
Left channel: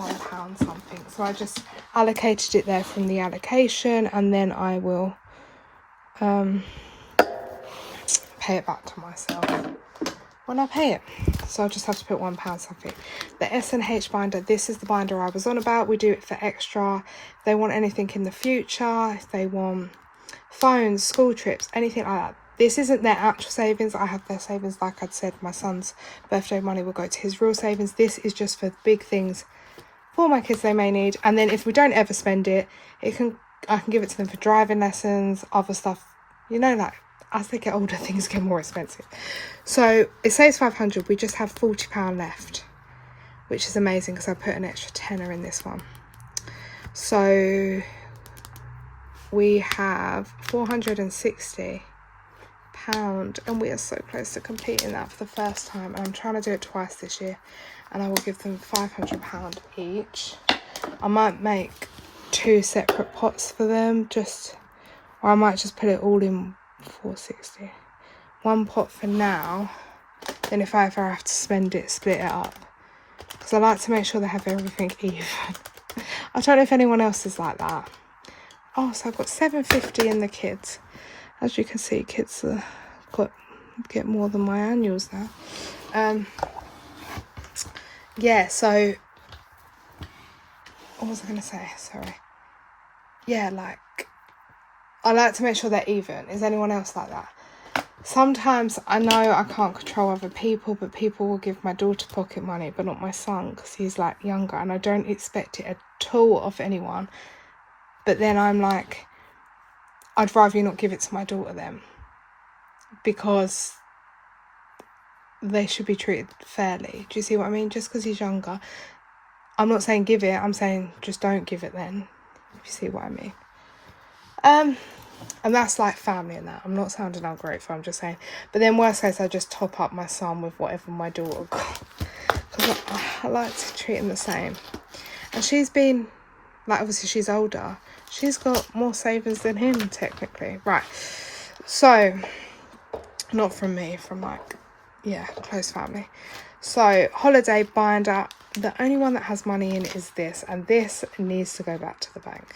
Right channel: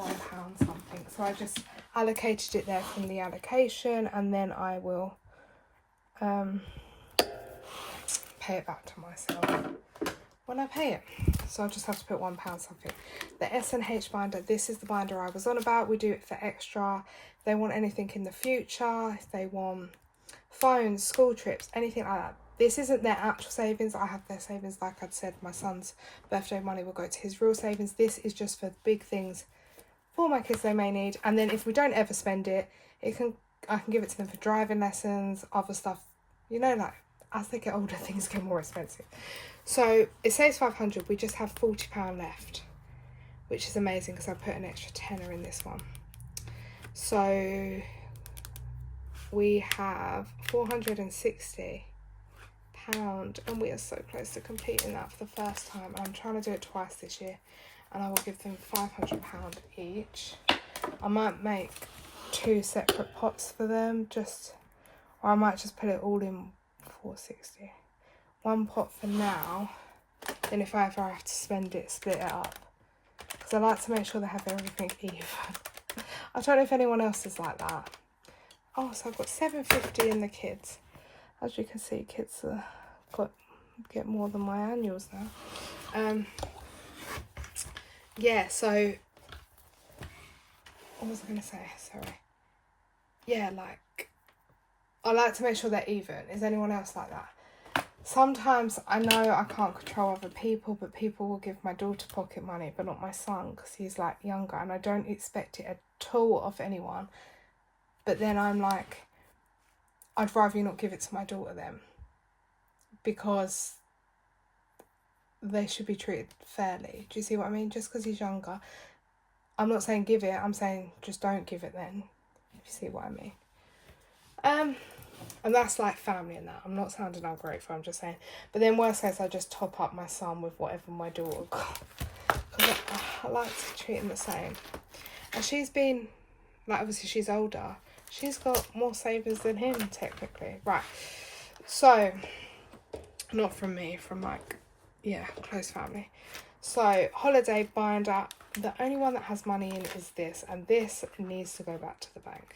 something. So I just allocated it there from the allocation, and then I will pay it back to myself when I pay it. So I'll just have to put £1 something. The S&H binder, this is the binder I was on about. We do it for extra. If they want anything in the future, if they want phones, school trips, anything like that. This isn't their actual savings. I have their savings. Like I'd said, my son's birthday money will go to his real savings. This is just for big things for my kids they may need. And then if we don't ever spend it, I can give it to them for driving lessons, other stuff. You know, like as they get older, things get more expensive. So it saves 500. We just have £40 left, which is amazing because I put an extra tenner in this one. So we have £460, and we are so close to completing that for the first time. And I'm trying to do it twice this year, and I will give them £500 each. I might make 2 separate pots for them, or I might just put it all in 460. One pot for now, then if I ever have to spend it, split it up, because I like to make sure they have everything even. I don't know if anyone else is like that. Oh, so I've got £750 in the kids. As you can see, kids get more than my annuals now. Yeah, so what was I going to say? Sorry. Yeah, like, I like to make sure they're even. Is anyone else like that? Sometimes I know I can't control other people, but people will give my daughter pocket money, but not my son because he's like younger, and I don't expect it at all of anyone. But then I'm like, I'd rather you not give it to my daughter then, because they should be treated fairly. Do you see what I mean? Just because he's younger, I'm not saying give it, I'm saying just don't give it then, if you see what I mean. And that's like family and that. I'm not sounding ungrateful, I'm just saying. But then worst case, I just top up my son with whatever my daughter got, because I like to treat him the same. And she's been, like, obviously she's older, she's got more savings than him technically. Right, so not from me, from like, yeah, close family. So holiday binder, the only one that has money in is this, and this needs to go back to the bank.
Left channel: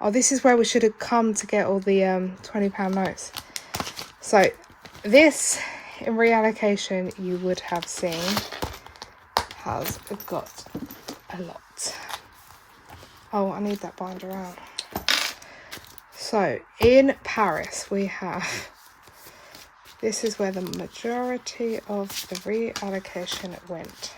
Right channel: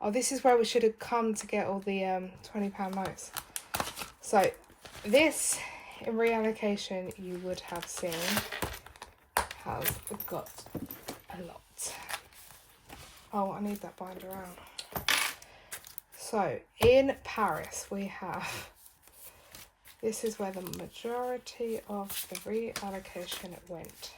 Oh, this is where we should have come to get all the £20 notes. So this, in reallocation, you would have seen has got a lot. Oh, I need that binder out. So in Paris, we have, this is where the majority of the reallocation went.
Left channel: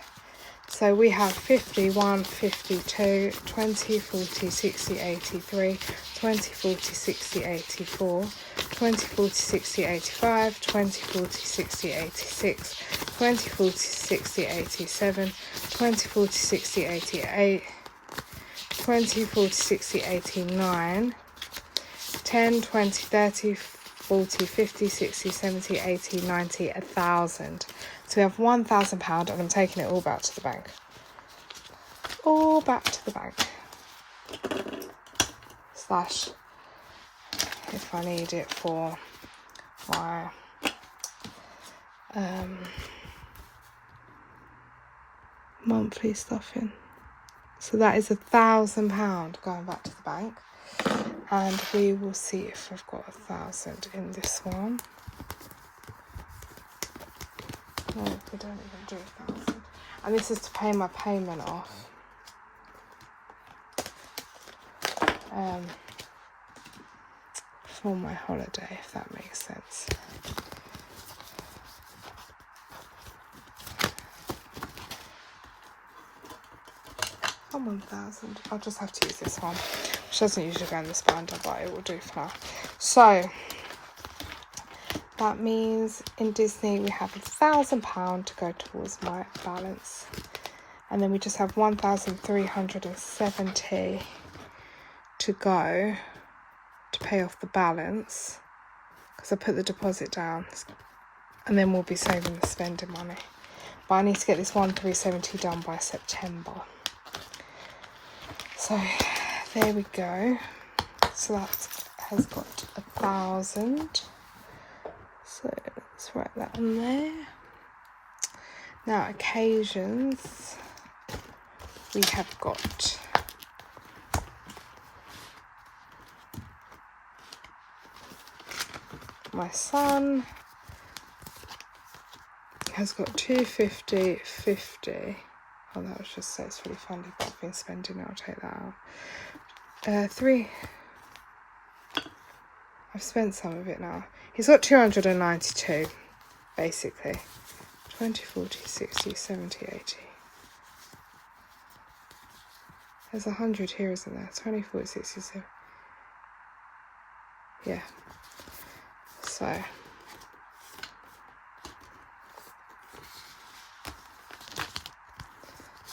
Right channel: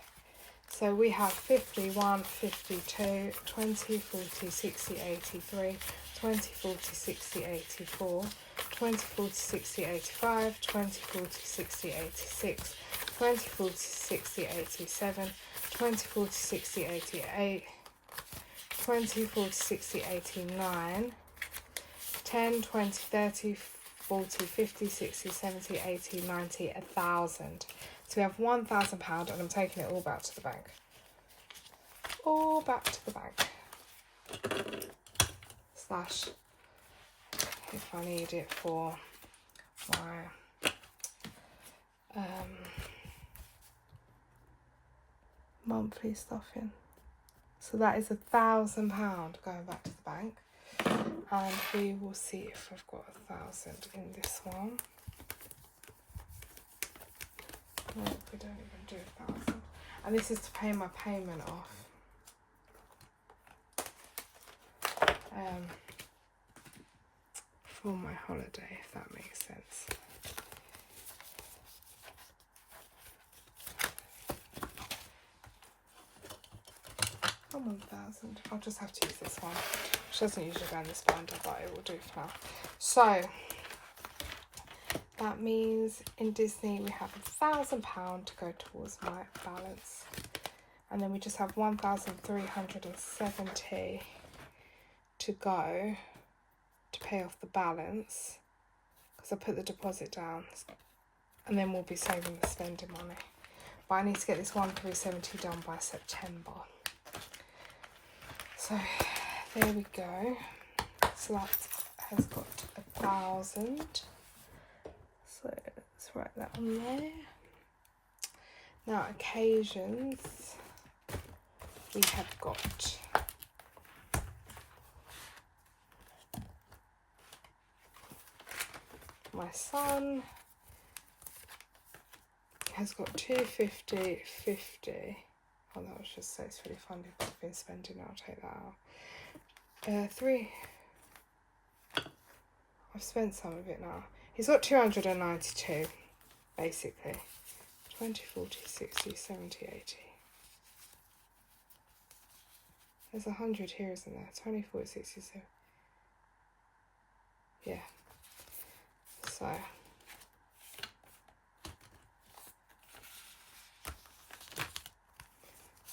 So we have 51, 52, 20, 40, 60, 83, 20, 40, 60, 84, 20, 40, 60, 85, 20, 40, 60, 86, 20, 40, 60, 87, 20, 40, 60, 88, 20, 40, 60, 89, 10, 20, 30, 40, 50, 60, 70, 80, 90, 1,000. So we have £1,000, and I'm taking it all back to the bank. All back to the bank. Slash, if I need it for my monthly stuffing. So that is £1,000 going back to the bank. And we will see if I've got 1,000 in this one. No, we don't even do 1,000. And this is to pay my payment off. For my holiday, if that makes sense. Oh, 1,000. I'll just have to use this one, which doesn't usually go in this binder, but it will do for now. So that means in Disney we have £1,000 to go towards my balance, and then we just have 1,370 to go to pay off the balance, because I put the deposit down, and then we'll be saving the spending money. But I need to get this 1,370 done by September. So there we go. So that has got 1,000. So let's write that on there. Now occasions, we have got my son has got 250, 50. Oh, that was just so it's really funny, but I've been spending it, I'll take that out. 3. I've spent some of it now. He's got 292, basically. 20, 40, 60, 70, 80. There's 100 here, isn't there? 20, 40, 60, 70. Yeah. So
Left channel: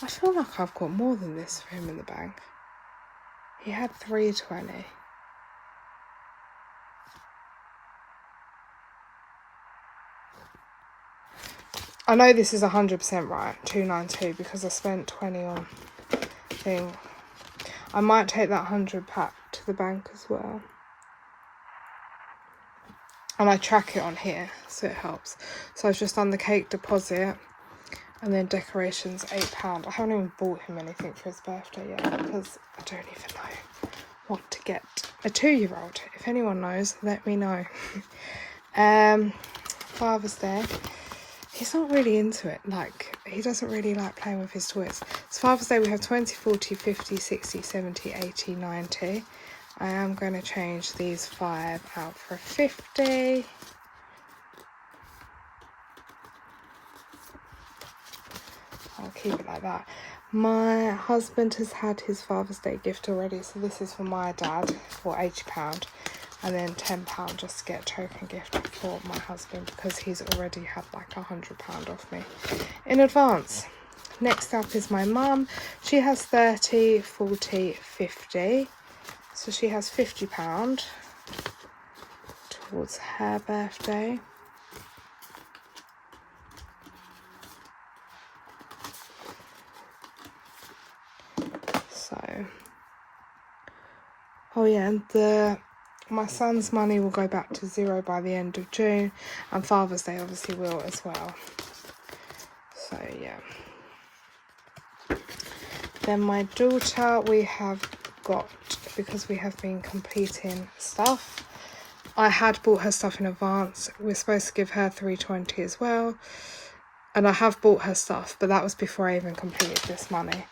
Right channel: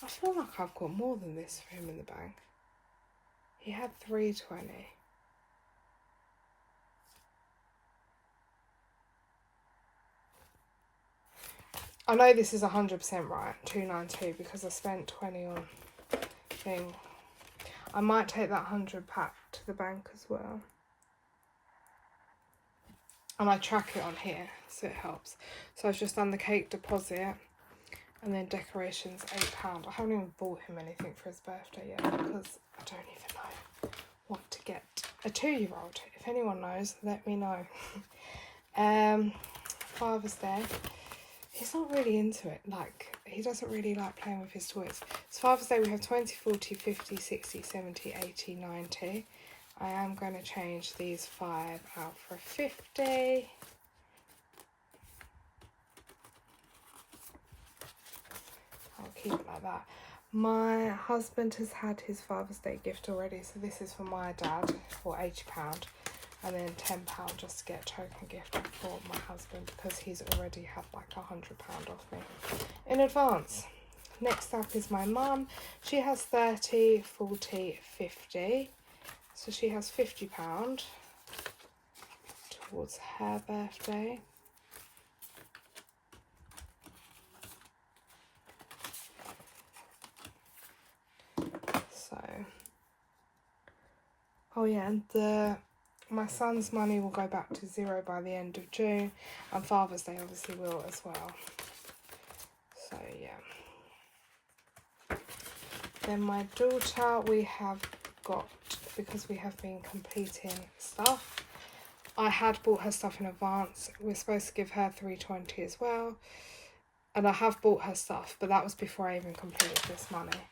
I feel like I've got more than this for him in the bank. He had 320. I know this is 100% right, 292, because I spent 20 on thing. I might take that 100 back to the bank as well. And I track it on here, so it helps. So I've just done the cake deposit, and then decorations, £8. I haven't even bought him anything for his birthday yet, because I don't even know what to get a 2-year-old. If anyone knows, let me know. Father's Day. He's not really into it. Like, he doesn't really like playing with his toys. So Father's Day we have 20, 40, 50, 60, 70, 80, 90. I am going to change these 5 out for a 50. I'll keep it like that. My husband has had his Father's Day gift already, so this is for my dad for £80, and then £10 just to get a token gift for my husband, because he's already had like £100 off me in advance. Next up is my mum. She has 30, 40, 50. So she has £50 towards her birthday. So, oh yeah, and my son's money will go back to 0 by the end of June, and Father's Day obviously will as well. So yeah. Then my daughter, we have got, because we have been completing stuff, I had bought her stuff in advance. We're supposed to give her 320 as well, and I have bought her stuff, but that was before I even completed this money,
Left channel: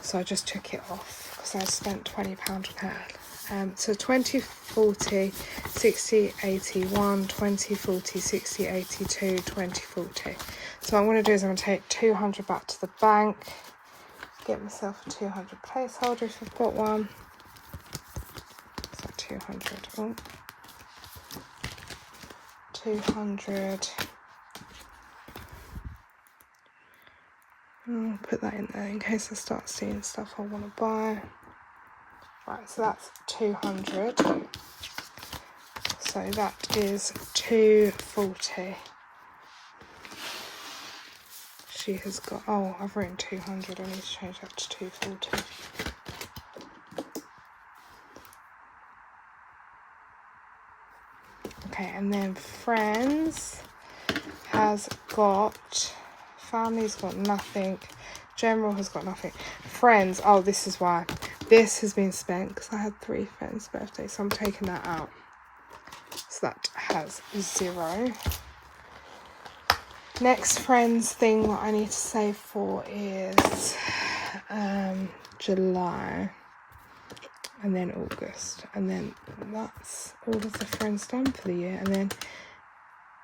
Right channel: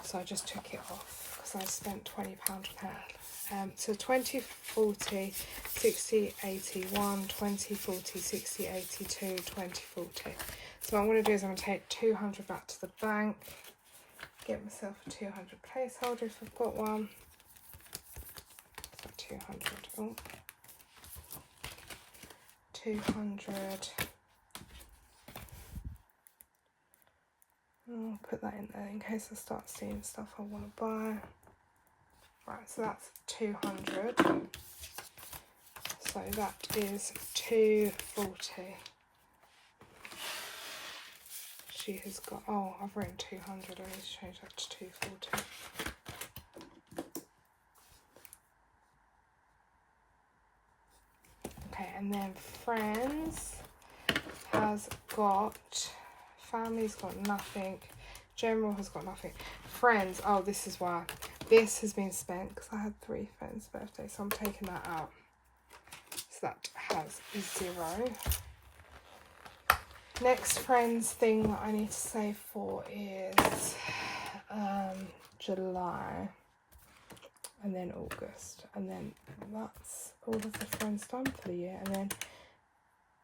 so I just took it off because I spent £20 on her. So 20, 40, 60, 81, 20, 40, 60, 82, 20, 40. So what I'm going to do is I'm going to take 200 back to the bank, get myself a 200 placeholder if I've got one. So 200. Oh. 200. Put that in there in case I start seeing stuff I want to buy. Right, so that's 200. So that is 240. She has got, oh, I've written 200. I need to change that to 240. Okay, and then friends has got, family's got nothing, general has got nothing. Friends, oh, this is why. This has been spent because I had 3 friends' birthdays, so I'm taking that out. So that has 0. Next friends thing that I need to save for is July, and then August, and then that's all of the friends done for the year. And then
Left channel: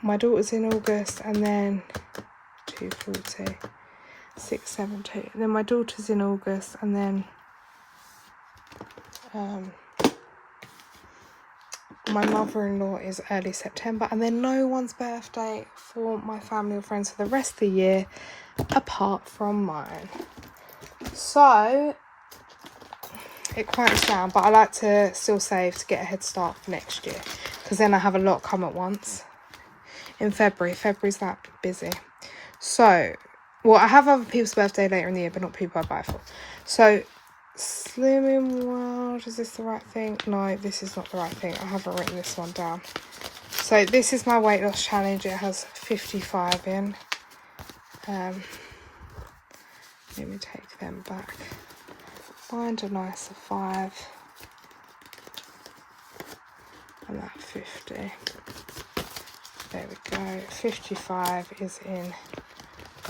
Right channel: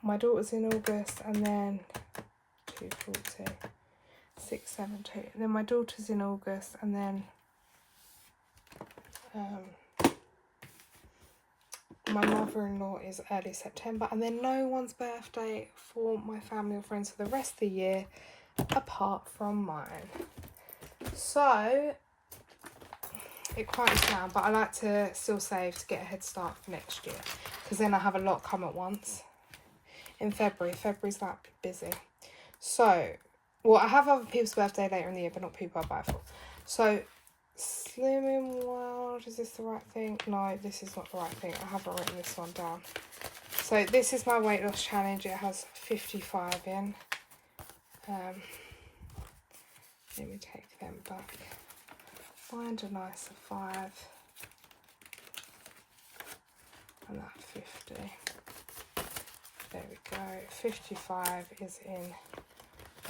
my daughter's in August, and then 240, 672. And then my daughter's in August, and then my mother-in-law is early September, and then no one's birthday for my family or friends for the rest of the year apart from mine. So it quiets down, but I like to still save to get a head start for next year, because then I have a lot come at once in February. February's that busy. So, well, I have other people's birthday later in the year, but not people I buy for. So Slimming World, is this the right thing? No, this is not the right thing. I haven't written this one down. So this is my weight loss challenge. It has 55 in. Let me take them back. Find a nicer 5. And that 50. There we go. 55 is in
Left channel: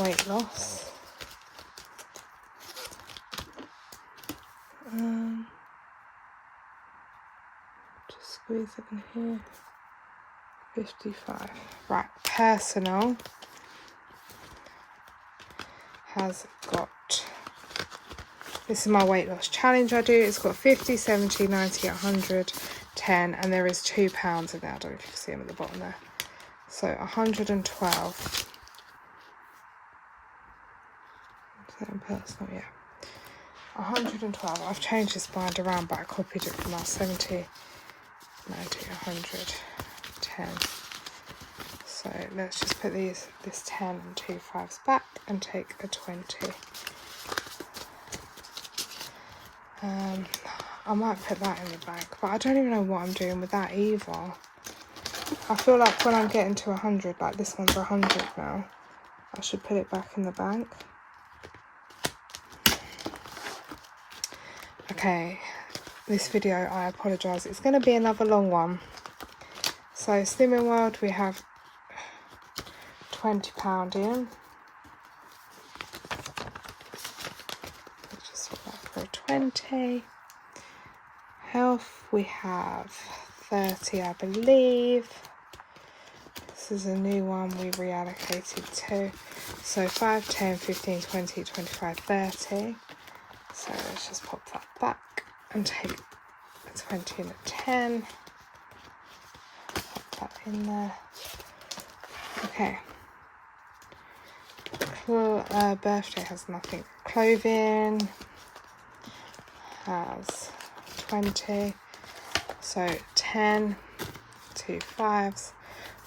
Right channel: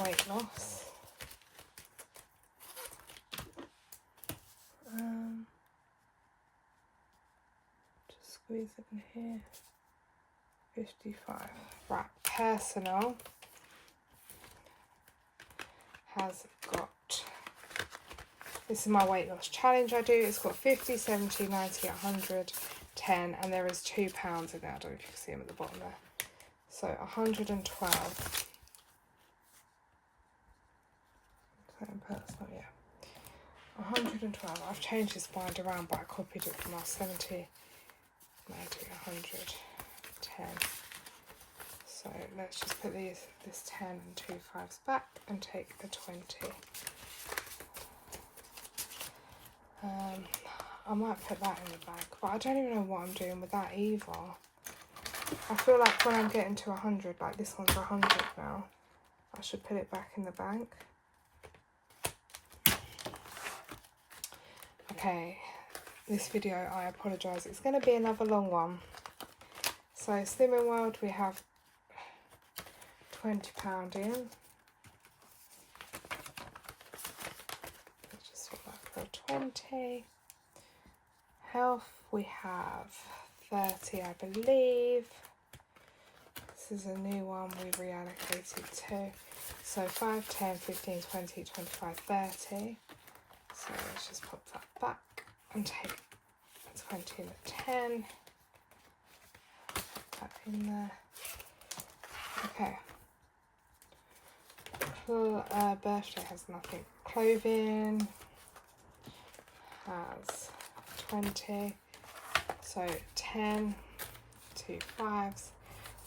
weight loss. Just squeeze it in here. 55. Right, personal has got, this is my weight loss challenge I do. It's got 50, 70, 90, 100, 10, and there is £2 in there. I don't know if you can see them at the bottom there. So 112. Is that in personal? Yeah. 112. I've changed this bind around, but I copied it from our 70, 90, 100, 10. So let's just put this 10 and 2 5s back and take a 20. I might put that in the bag, but I don't even know what I'm doing with that either. I feel like when I'm getting to 100, like this one's 100 now, I should put it back in the bank. Okay, this video, I apologise, it's going to be another long one. So Slimming World, we have £20 in. Let's just put that for 20. Health, we have 30, I believe. This is a new one we reallocated to. So 5, 10, 15, 20, 25, 30. So let's just pop that back and take a 20 and a 10. Pop that in there. Okay. Birthday has nothing. Clothing has 20. So 10, 2 5s.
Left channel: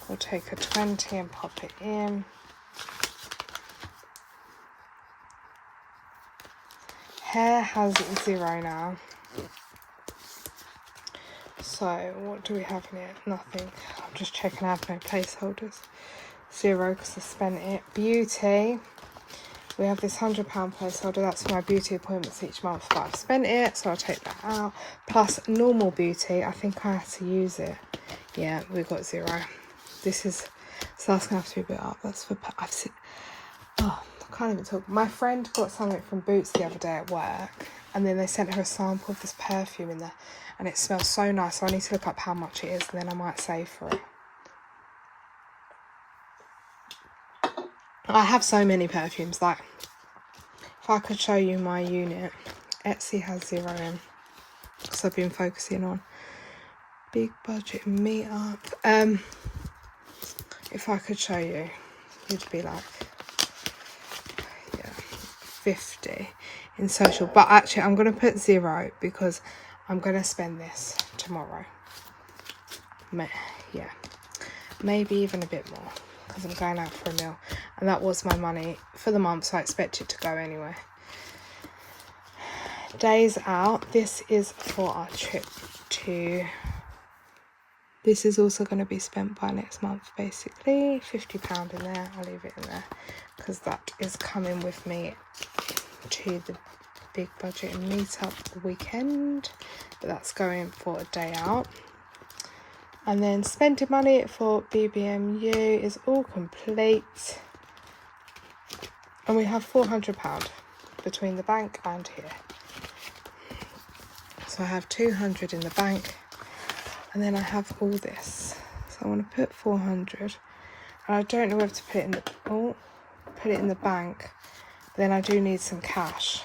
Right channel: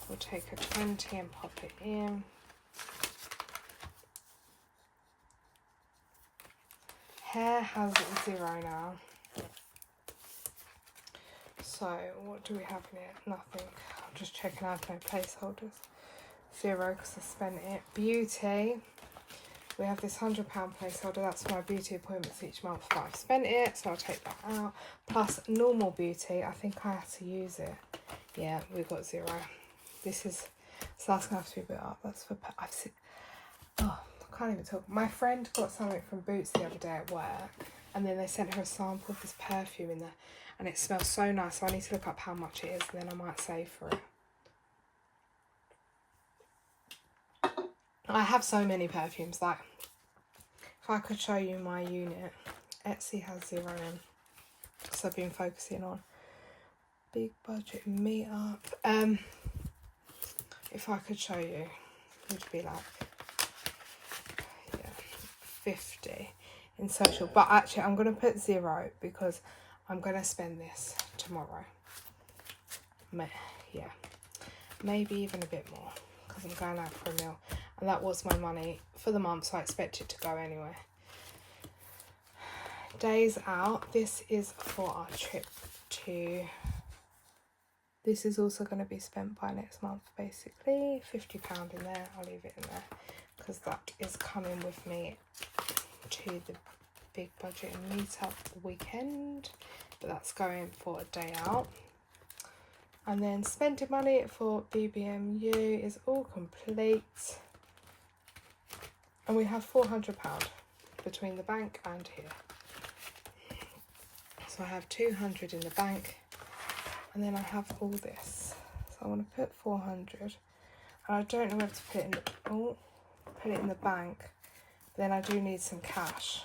We'll take a 20 and pop it in. Hair has 0 now. So what do we have in it? Nothing. I'm just checking I have no placeholders. 0 because I spent it. Beauty. We have this £100 placeholder. That's for my beauty appointments each month, but I've spent it, so I'll take that out. Plus normal beauty. I think I had to use it. Yeah, we've got 0. This is, so that's gonna have to be a bit up. That's for, I've seen, oh, I can't even talk. My friend got something from Boots the other day at work, and then they sent her a sample of this perfume in there, and it smells so nice. So I need to look up how much it is, and then I might save for it. I have so many perfumes. Like, if I could show you my unit, Etsy has 0 in, so I've been focusing on big budget meetup. If I could show you, you'd be like, yeah, 50 in social. But actually, I'm going to put 0 because I'm going to spend this tomorrow. Yeah, maybe even a bit more because I'm going out for a meal. And that was my money for the month, so I expect it to go anyway. Days out. This is for our trip to... This is also going to be spent by next month, basically. £50 in there. I'll leave it in there because that is coming with me to the big budget and meetup weekend. But that's going for a day out. And then spending money for BBMU is all complete. And we have £400 between the bank and here. So I have 200 in the bank, and then I have all this. So I want to put 400, and I don't know whether to put it in the, put it in the bank, but then I do need some cash.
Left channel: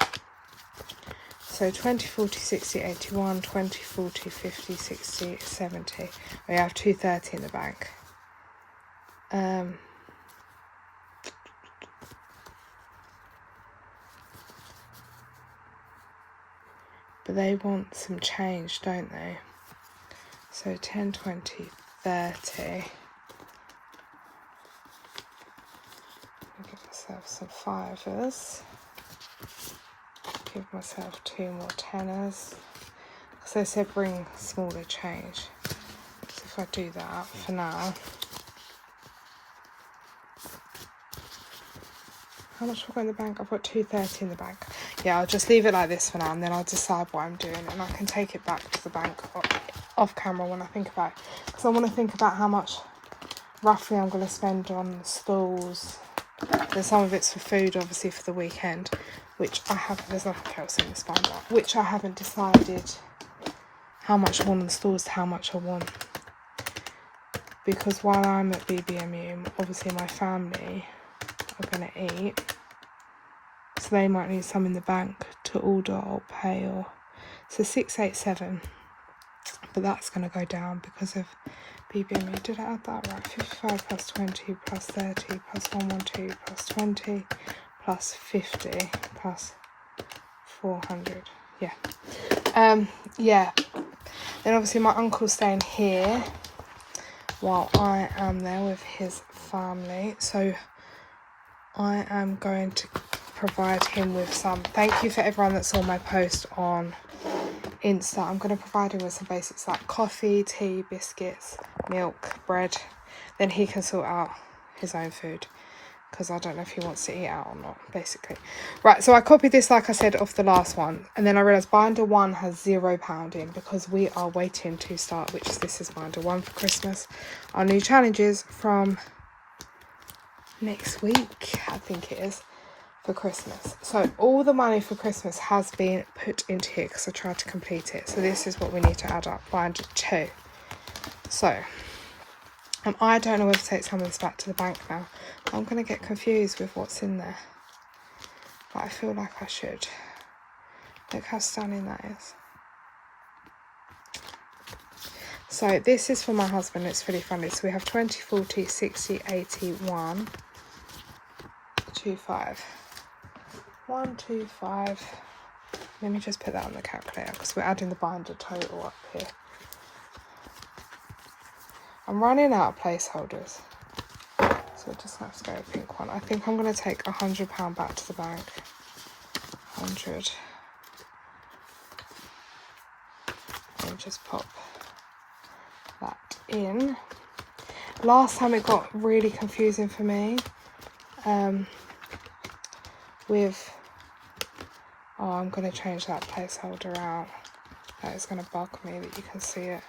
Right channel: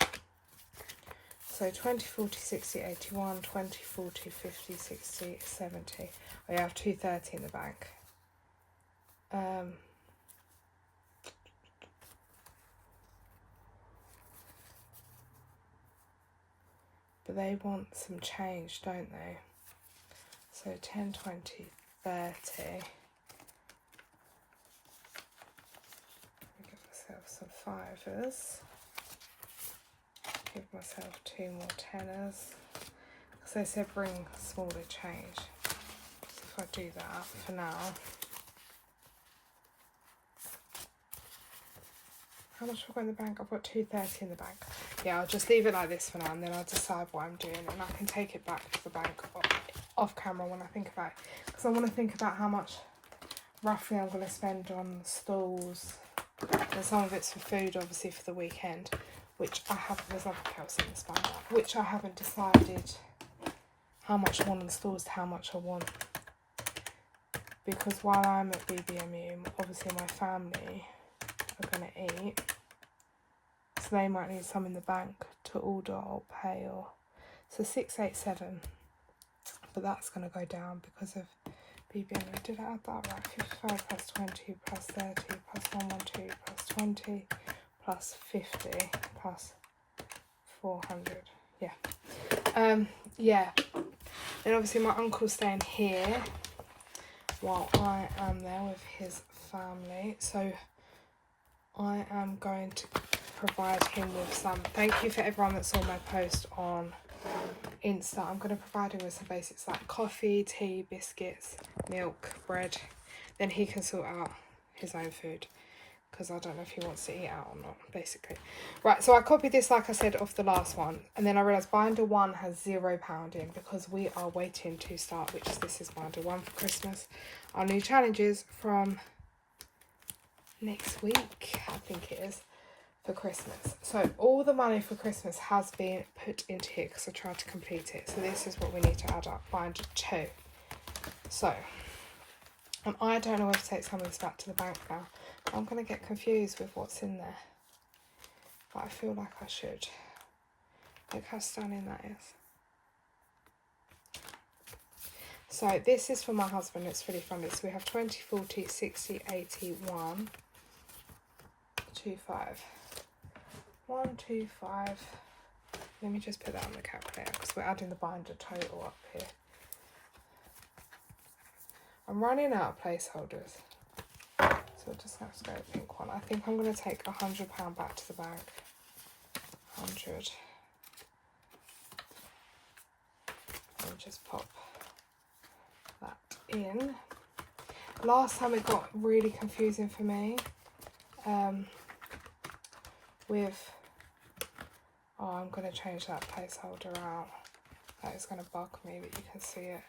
So 20, 40, 60, 81, 20, 40, 50, 60, 70. We have 230 in the bank. But they want some change, don't they? So 10, 20, 30. I'll give myself some fivers. Give myself 2 more tenors. Because they said bring smaller change. So if I do that for now. How much have I got in the bank? I've got 230 in the bank. Yeah, I'll just leave it like this for now, and then I'll decide what I'm doing, and I can take it back to the bank off camera when I think about it. Because I want to think about how much roughly I'm going to spend on stools. Then some of it's for food, obviously, for the weekend, which I haven't, there's nothing else in this binder, which I haven't decided how much I want on the stools to how much I want. Because while I'm at BBMU, obviously my family are going to eat, so they might need some in the bank to order or pay, or so 687, but that's going to go down because of BBMU. Did I add that right? 55 plus 20 plus 30 plus 112 plus 20 plus 50 plus 400. Yeah. Then obviously my uncle's staying here while I am there with his family, so I am going to provide him with some. Thank you for everyone that saw my post on Insta. I'm going to provide him with some basics like coffee, tea, biscuits, milk, bread. Then he can sort out his own food, because I don't know if he wants to eat out or not, basically. Right, so I copied this, like I said, off the last one, and then I realised binder 1 has £0 in, because we are waiting to start, which this is binder 1 for Christmas. Our new challenges from next week, I think it is, for Christmas. So all the money for Christmas has been put into here because I tried to complete it. So this is what we need to add up, binder 2. So, and I don't know whether to take some of this back to the bank now. I'm going to get confused with what's in there, but I feel like I should. Look how stunning that is. So this is for my husband, it's really funny. So we have 20, 40, 60, 80, 1, 2, 5. 1, 2, 5. Let me just put that on the calculator because we're adding the binder total up here. I'm running out of placeholders, so I just have to go with a pink one. I think I'm going to take £100 back to the bank. 100. And just pop that in. Last time it got really confusing for me. I'm going to change that placeholder out. That is going to bug me that you can see it.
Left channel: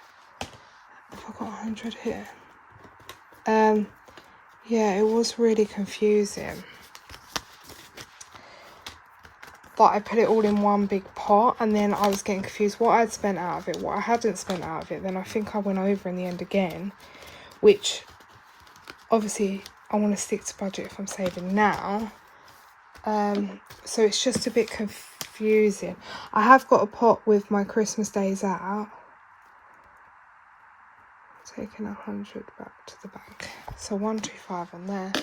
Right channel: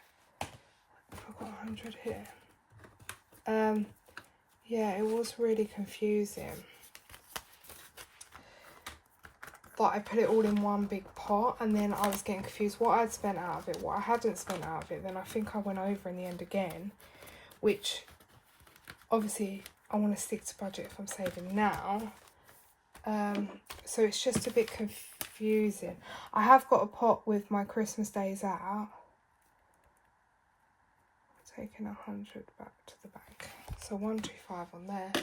I've got 100 here. Yeah, it was really confusing. But I put it all in one big pot, and then I was getting confused what I'd spent out of it, what I hadn't spent out of it. Then I think I went over in the end again, which obviously I want to stick to budget if I'm saving now. So it's just a bit confusing. I have got a pot with my Christmas days out. Taking 100 back to the bank. So 125 on there.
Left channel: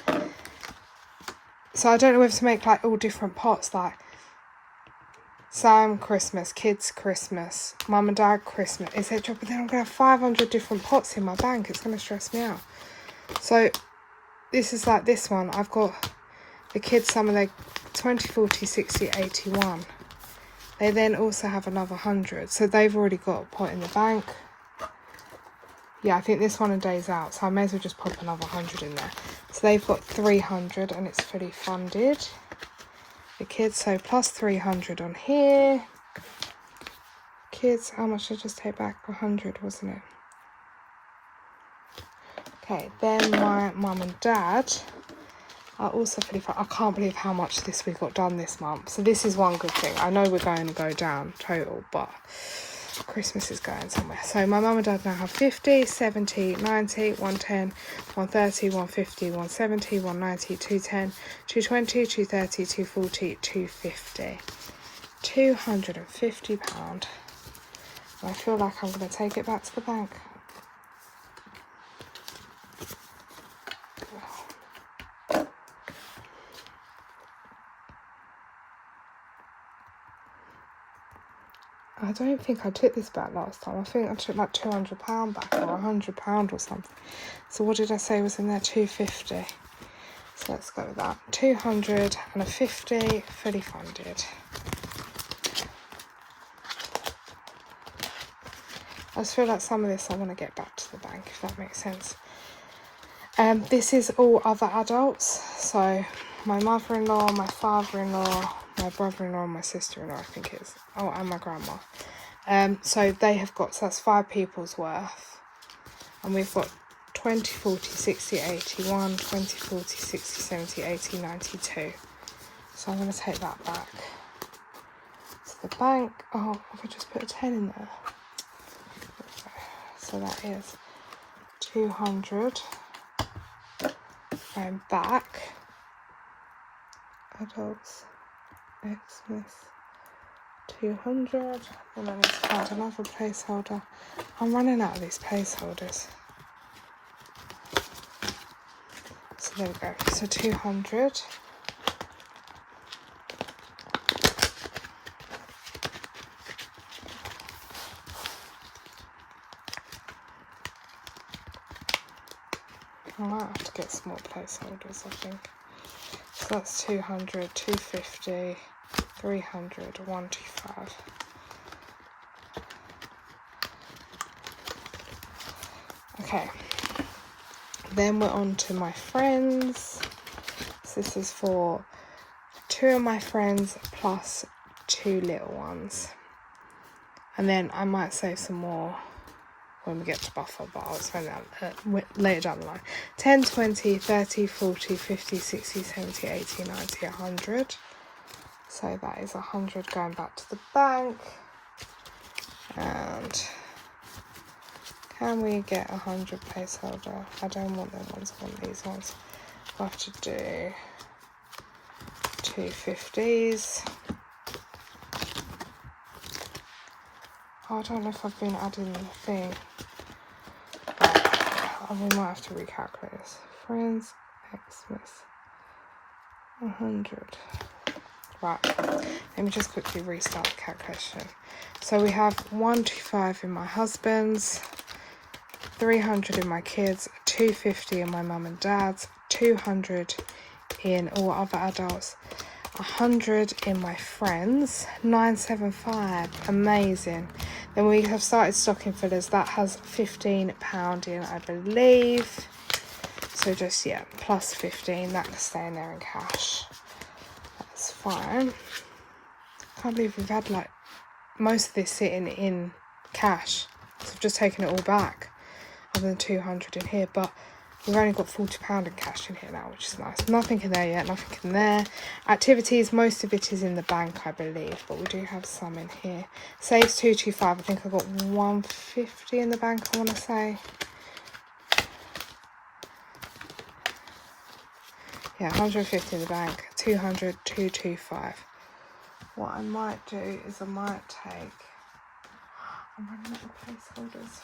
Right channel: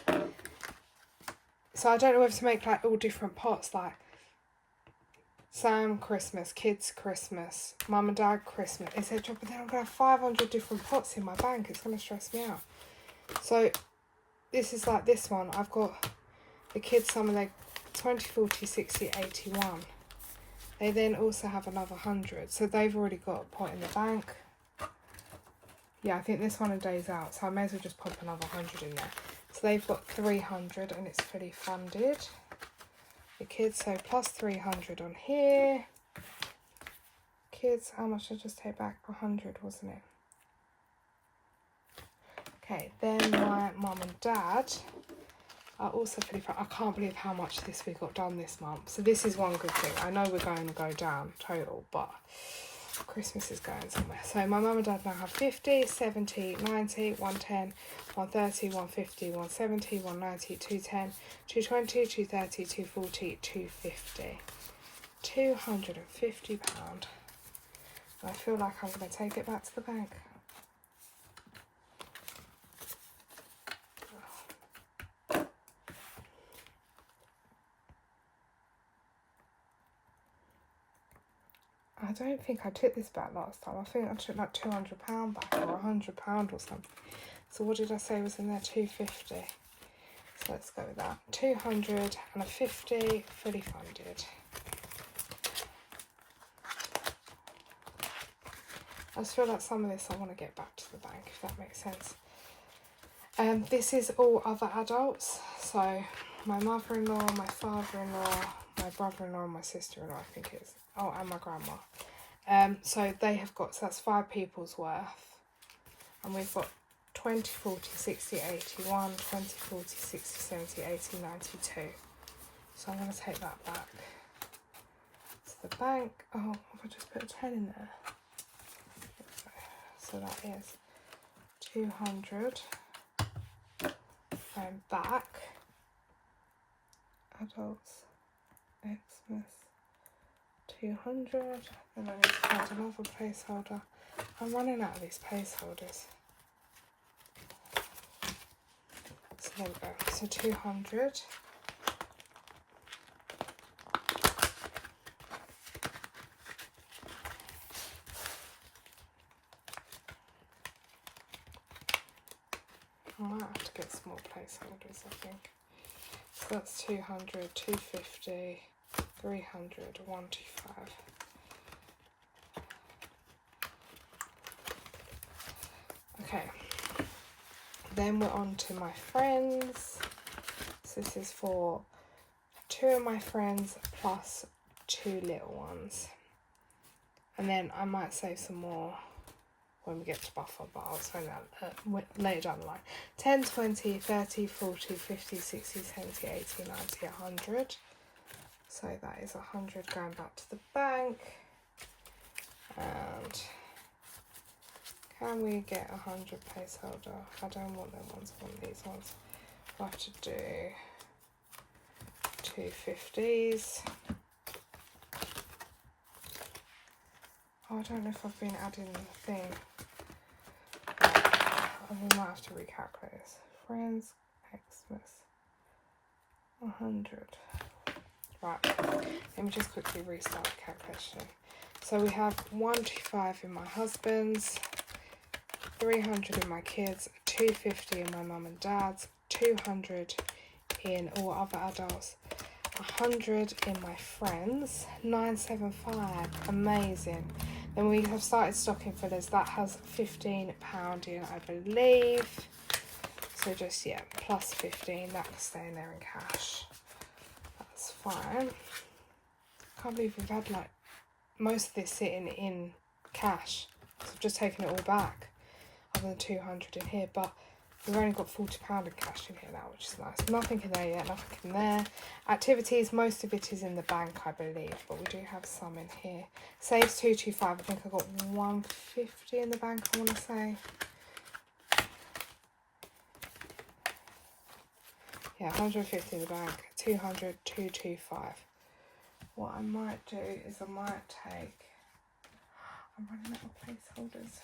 So I don't know whether to make like all different pots, like Sam Christmas, kids Christmas, mum and dad Christmas, etc. But then I'm going to have 500 different pots in my bank. It's going to stress me out. So this is like this one. I've got the kids, some of their 20, 40, 60, 81. They then also have another 100. So they've already got a pot in the bank. Yeah, I think this one a day's out. So I may as well just pop another 100 in there. So they've got 300 and it's fully funded. The kids, so plus 300 on here. Kids, how much did I just take back? 100, wasn't it? Okay, then my mum and dad, I also I can't believe how much this we got done this month. So this is one good thing. I know we're going to go down total, but Christmas is going somewhere. So my mum and dad now have 50, 70, 90, 110, 130, 150, 170, 190, 210, 220, 230, 240, 250. £250. I feel like I'm going to take it back to the bank. I don't think I took this back last time. I think I took like £200 back, or £100 or something. So what did I say was in there? 250. So let's go with that. 250, fully funded. I just feel like some of this I want to get back to the bank, if that makes sense. This is all other adults. So my mother-in-law, my father-in-law, my brother-in-law, and my sister-in-law, I think it is. Oh, and my grandma. So they have got, so that's 5 people's worth. And we've got 20, 40, 60, 81, 20, 40, 60, 70, 80, 92. So I'm going to take that back to the bank. Oh, if I just put a 10 in there. So that is 200. Going back. Adults. Xmas. 200. And I need to find another placeholder. I'm running out of these placeholders. So there we go. So 200. I might have to get some more placeholders, I think. So that's 200, 250, 300, 125. Okay. Then we're on to my friends. So this is for 2 of my friends plus 2 little ones. And then I might save some more when we get to buffer, but I'll spend that later down the line. 10, 20, 30, 40, 50, 60, 70, 80, 90, 100. So that is 100 going back to the bank. And can we get 100 placeholder? I don't want them ones, I want these ones. We'll have to do 250s. Oh, I don't know if I've been adding the thing. We might have to recalculate this. Friends, Xmas, 100. Right, let me just quickly restart the calculation. So we have 125 in my husband's, 300 in my kids, 250 in my mum and dad's, 200 in all other adults, 100 in my friends, 975, amazing. Then we have started stocking fillers, that has £15 in, I believe. So just, yeah, plus 15, that can stay in there in cash. That's fine. Can't believe we've had like most of this sitting in cash. So I've just taken it all back, other than 200 in here, but we've only got £40 in cash in here now, which is nice. Nothing in there yet, nothing in there. Activities, most of it is in the bank, I believe, but we do have some in here. Saves 225, I think I've got 150 in the bank, I want to say. Yeah, 150 in the bank, 200, 225. What I might do is I might take, I'm running out of placeholders,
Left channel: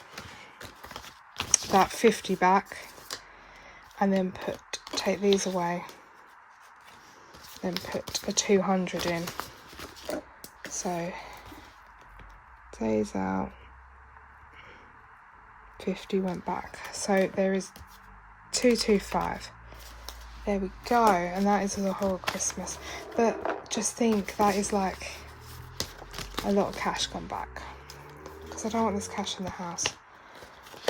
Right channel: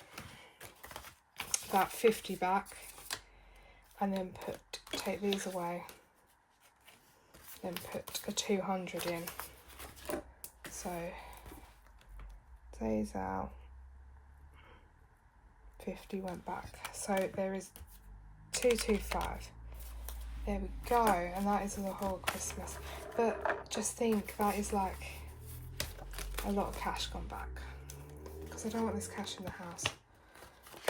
that 50 back. And then take these away, then put a 200 in. So days out, 50 went back. So there is 225. There we go, and that is the whole Christmas. But just think, that is like a lot of cash gone back, because I don't want this cash in the house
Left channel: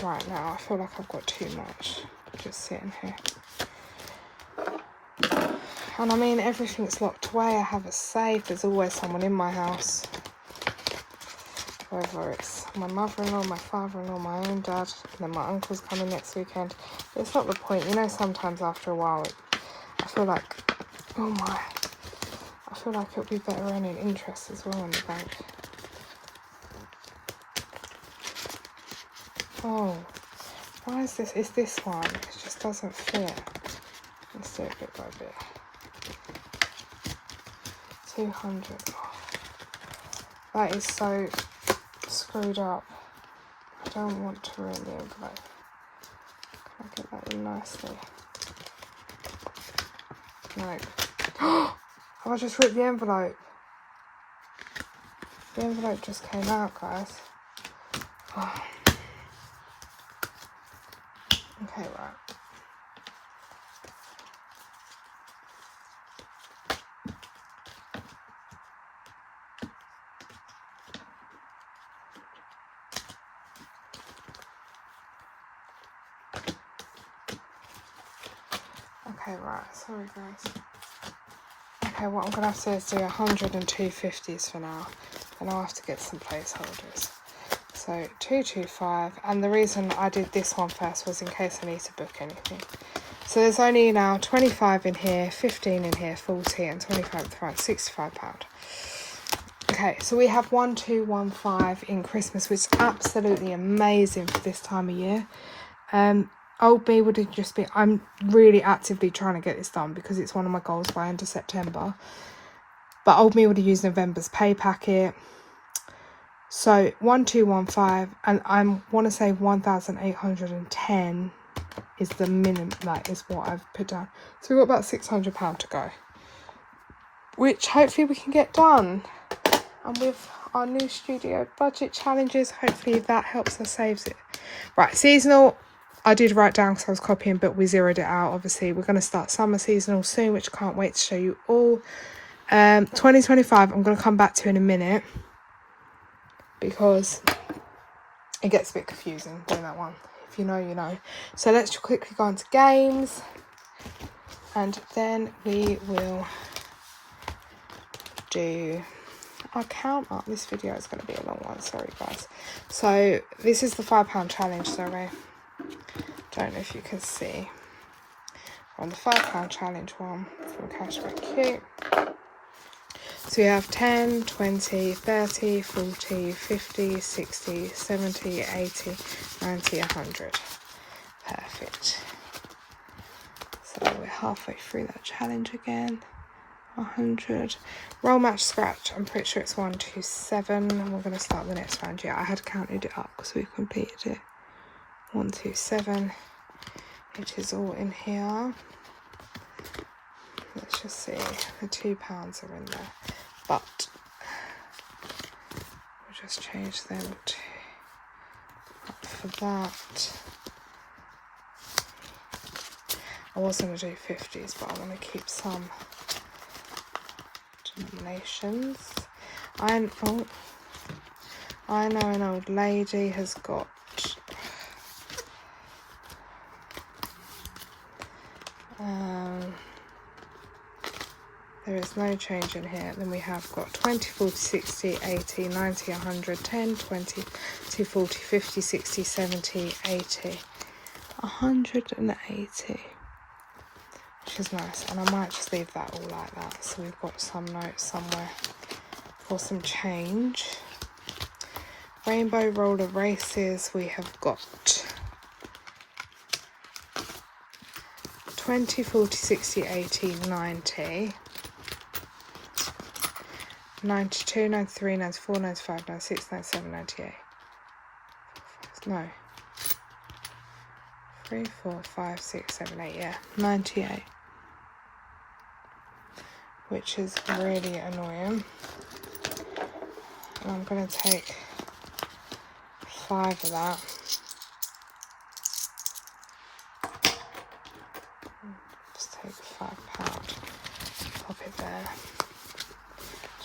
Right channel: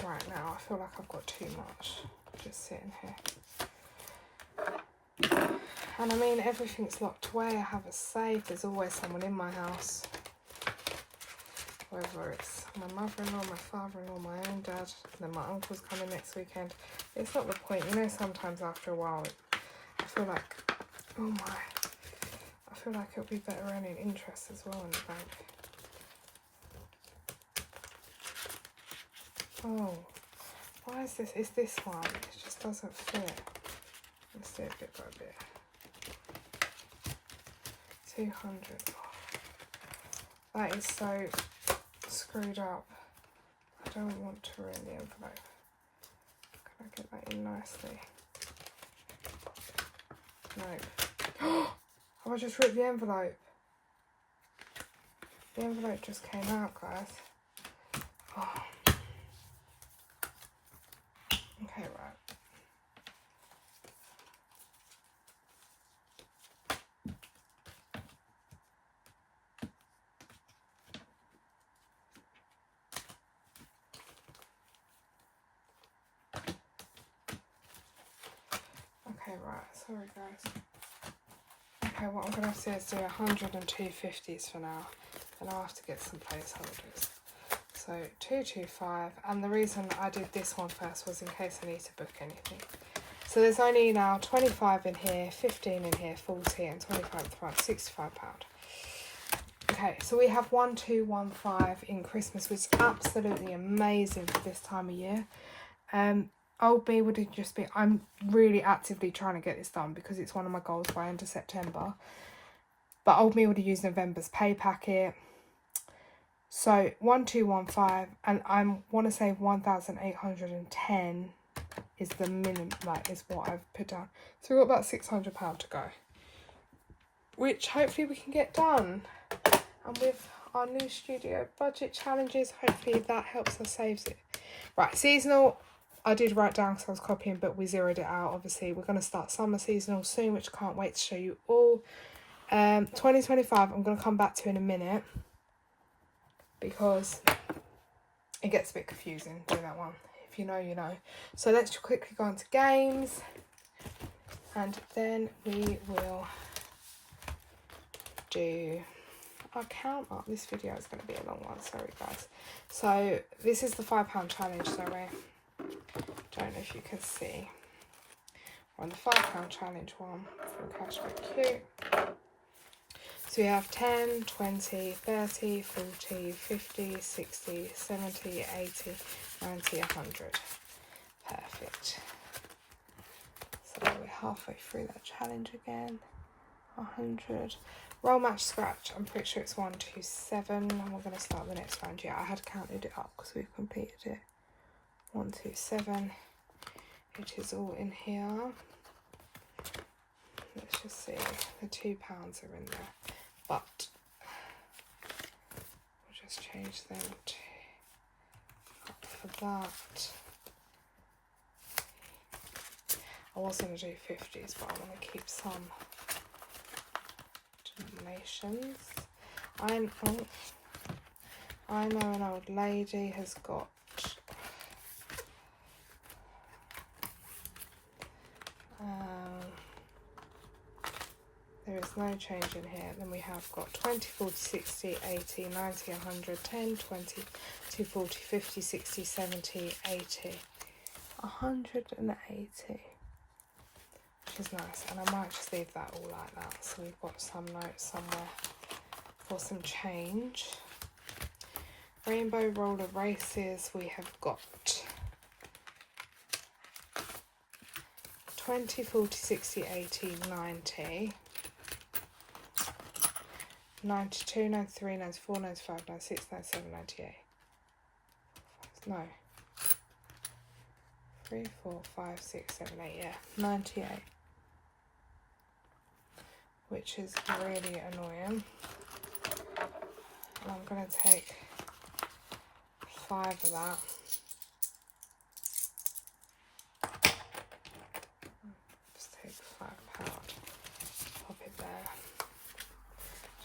right now. I feel like I've got too much just sitting here. And I mean, everything's locked away. I have a safe. There's always someone in my house, whether it's my mother-in-law, my father-in-law, my own dad, and then my uncle's coming next weekend. It's not the point, you know. Sometimes after a while I feel like, oh my, I feel like it'll be better earning interest as well in the bank. Oh, why is this? It's this one. It just doesn't fit. Let's do it bit by bit. 200. That is so screwed up. I don't want to ruin the envelope. Can I get that in nicely? No. Oh, I just ripped the envelope. The envelope just came out, guys. Oh. Okay, right. Okay, right. Sorry, guys. Okay, what I'm going to have to do is do 100 and 250s for now. And I'll have to get some placeholders. So 225, and the reason I did this one first was in case I need to book anything. So there's only now 25 in here, 15 in here, 40 and 25 at the front, £65. Okay, so we have 1215 in Christmas, which is absolutely amazing for this time of year. Old Me would just be, I'm really actively trying to get this done because it's one of my goals by end of September. But Old Me would have used November's pay packet. So 1215, and I want to say 1810 is the minimum, that is what I've put down. So we've got about £600 to go, which hopefully we can get done. And with our new studio budget challenges, hopefully that helps us saves it. Right, seasonal, I did write down because I was copying, but we zeroed it out. Obviously, we're going to start summer seasonal soon, which I can't wait to show you all. 2025, I'm going to come back to in a minute, because it gets a bit confusing doing that one. If you know, you know. So let's quickly go on to games, and then we will do our count up. This video is going to be a long one, sorry guys. So this is the £5 challenge, sorry. Don't know if you can see. On the £5 challenge one from Cashback Q. So we have 10, 20, 30, 40, 50, 60, 70, 80, 90, 100. Perfect. So we're halfway through that challenge again. 100. Roll, match, scratch. I'm pretty sure it's 127. And we're going to start the next round. Yeah, I had counted it up because we've completed it. 127. It is all in here. Let's just see. The £2 are in there. But we'll just change them to up for that. I was going to do 50s, but I want to keep some denominations. I know an old lady has got there is no change in here. Then we have got 20, 40, 60, 80, 90, 100, 10, 20, 40, 50, 60, 70, 80, 180, which is nice. And I might just leave that all like that. So we've got some notes somewhere for some change. Rainbow roller races, we have got 20, 40, 60, 80, 90, 92, 93, 94, 95, 96, 97, 98. No. 3, 4, 5, 6, 7, 8, yeah. 98. Which is really annoying. And I'm going to take 5 of that. Just take £5. Pop it there.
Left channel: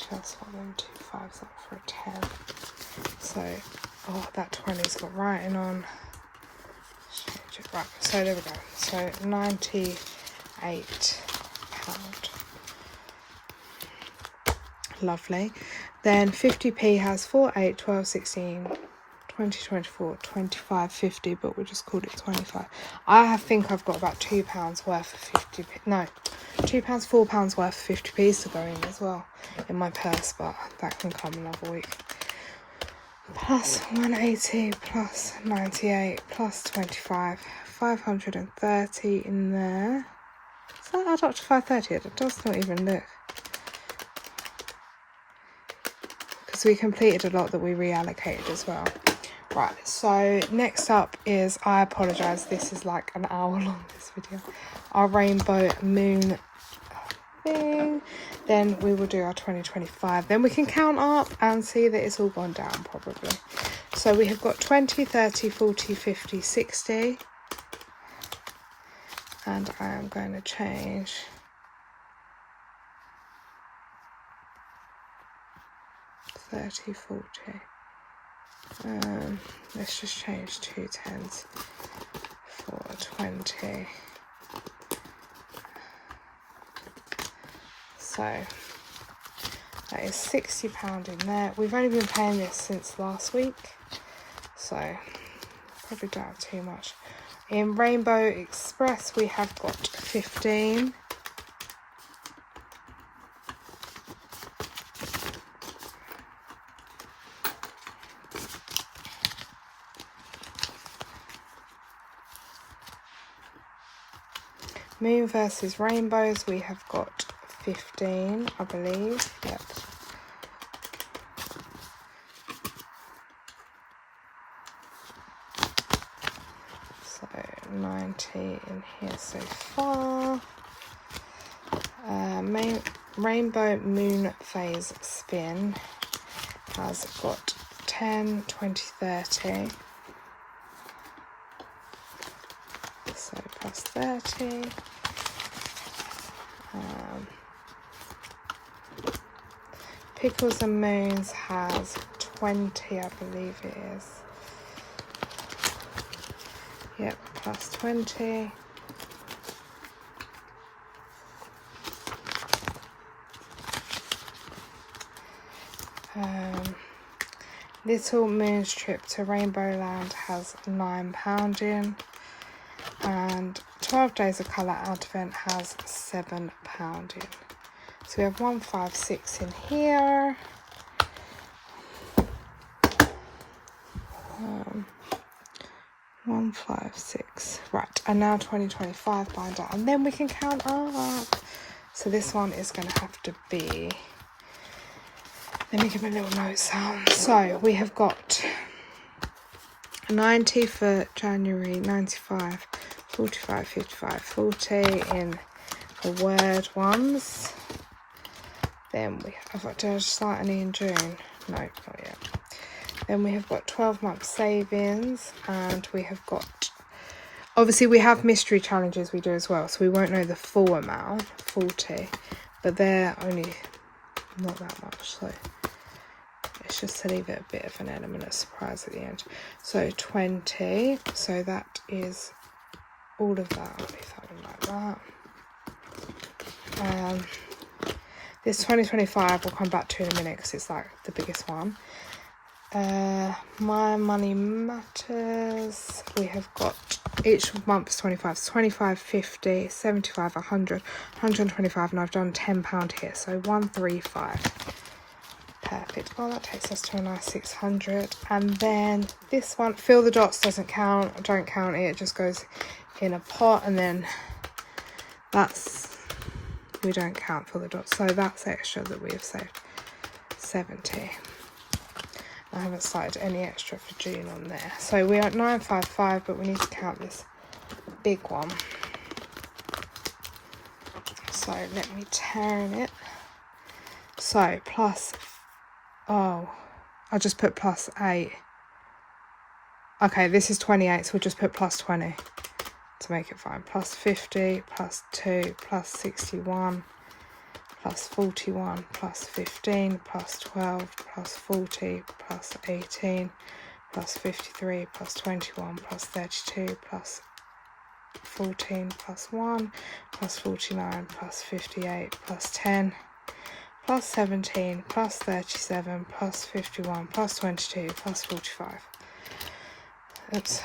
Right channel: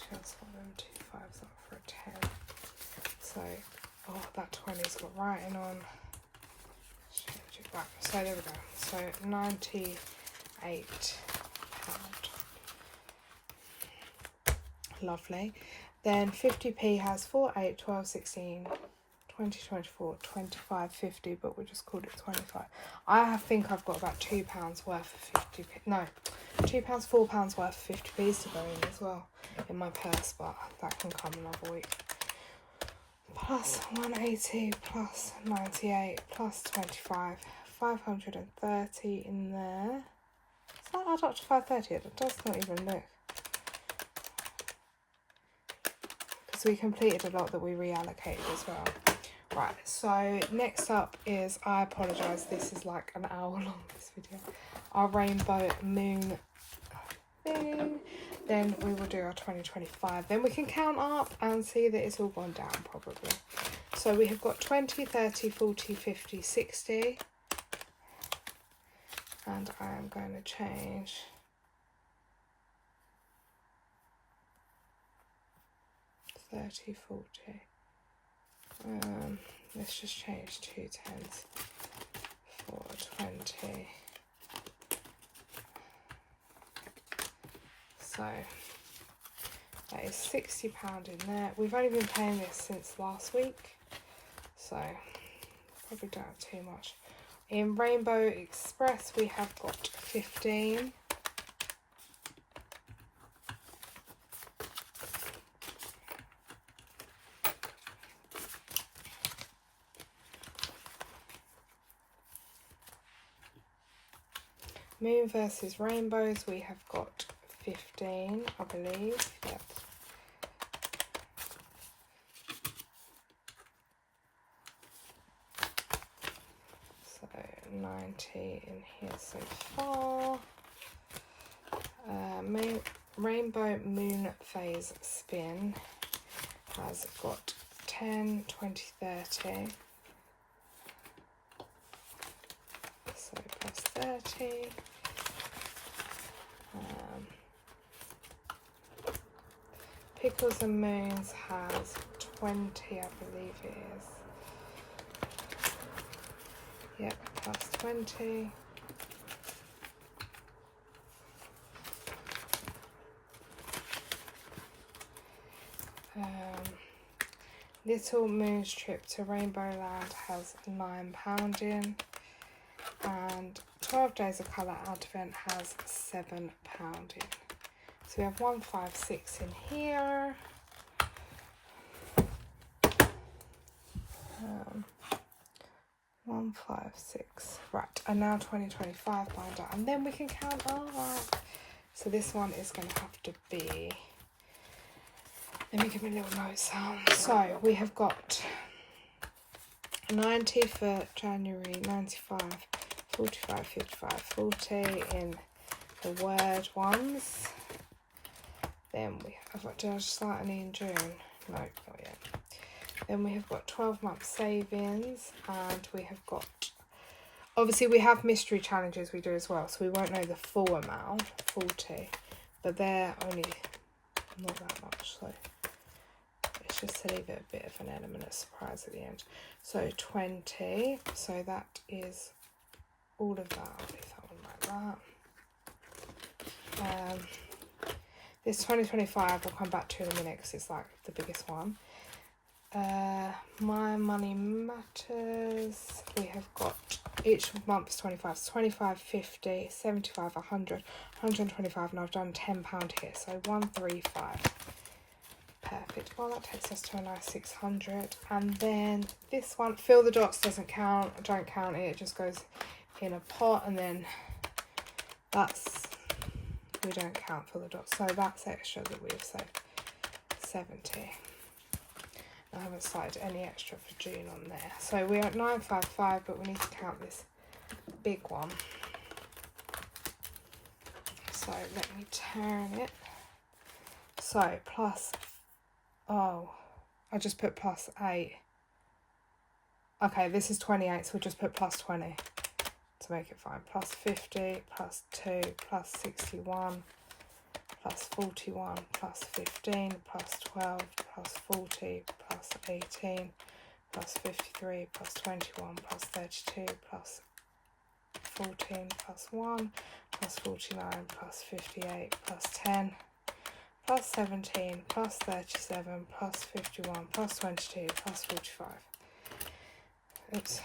Transfer them 2 5s up for a 10. So, oh, that 20's got writing on. Change it. Right, so there we go. So £98. Lovely. Then 50p has 4, 8, 12, 16, 20, 24, 25, 50, but we'll just call it 25. I think I've got about £2 worth of 50p. No, £2, £4 worth of 50p's to go in as well in my purse, but that can come another week. Plus 180, plus 98, plus 25, 530 in there. Does that add up to 530? It does not even look. Because we completed a lot that we reallocated as well. Right, so next up is, I apologise, this is like an hour long, this video. Our rainbow moon thing. Then we will do our 2025. Then we can count up and see that it's all gone down probably. So we have got 20, 30, 40, 50, 60. And I am going to change $30, $40. Let's just change 2 10s for 20. So that is £60 in there. We've only been paying this since last week, so probably don't have too much. In Rainbow Express we have got 15. Moon versus Rainbows, we have got 15, I believe. Yep. So 90 in here so far. Rainbow Moon Phase Spin has got 10, 20, 30. So plus 30. Pickles and Moons has 20, I believe it is. Yep, plus 20. Little Moon's Trip to Rainbow Land has £9 in. And 12 Days of Colour Advent has £7 in. So we have 156 in here. 156. Right, and now 2025 binder, and then we can count up. So this one is going to have to be. Let me give a little note sound. So we have got 90 for January, 95, 45, 55, 40 in the word ones. Then we have, do I start any in June? No, not yet. Then we have got 12-month savings, and we have got, obviously we have mystery challenges we do as well, so we won't know the full amount, 40, but they're only not that much, so it's just to leave it a bit of an element of surprise at the end. So 20, so that is all of that. I'll leave that one like that. This 2025 we'll come back to in a minute because it's like the biggest one. My Money Matters, we have got each month's 25, so 25, 50, 75, 100, 125, and I've done £10 here, so 135. Perfect. Oh, that takes us to a nice 600. And then this one, Fill the Dots, doesn't count. I don't count it. It just goes in a pot, and then that's, we don't count Fill the Dots. So that's extra that we have saved. 70. I haven't started any extra for June on there. So we're at 955, but we need to count this big one. So let me turn it. So plus, oh, I'll just put plus 8. Okay, this is 28, so we'll just put plus 20 to make it fine. Plus 50, plus 2, plus 61, plus 41, plus 15, plus 12, plus 40, plus 18, plus 53, plus 21, plus 32, plus 14, plus 1, plus 49, plus 58, plus 10, plus 17, plus 37, plus 51, plus 22, plus 45. Oops.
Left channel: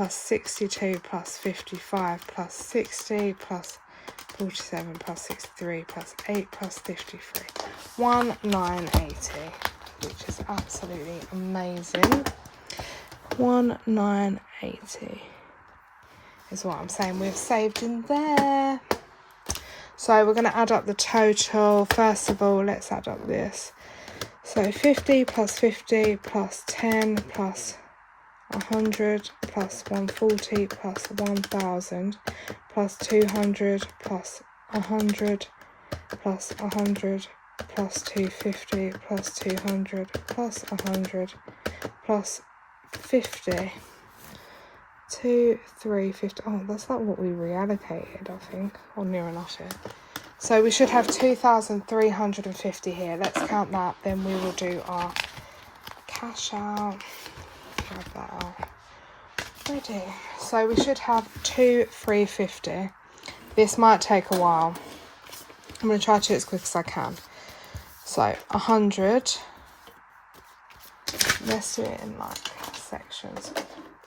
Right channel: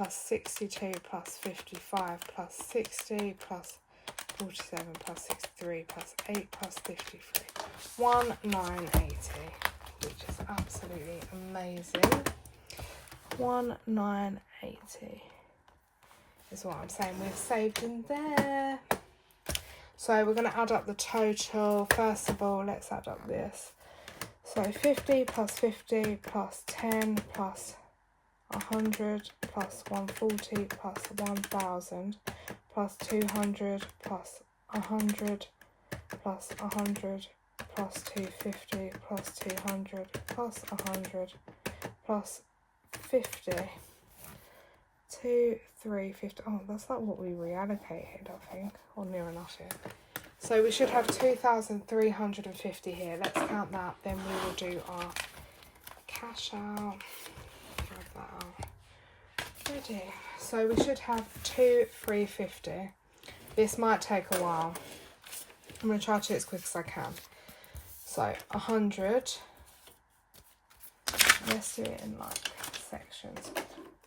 plus 62 plus 55 plus 60 plus 47 plus 63 plus 8 plus 53. 1980, which is absolutely amazing. 1980 is what I'm saying we've saved in there. So we're going to add up the total. First of all, let's add up this. So 50 plus 50 plus 10 plus 100 plus 140 plus 1000 plus 200 plus 100 plus 100 plus 250 plus 200 plus 100 plus 50. 2, 3, 50. Oh, that's not what we reallocated, I think, or near enough here. So we should have 2,350 here. Let's count that, then we will do our cash out. Grab that out. Ready. So we should have 2,350. This might take a while. I'm going to try to do it as quick as I can. So 100. Let's do it in like sections.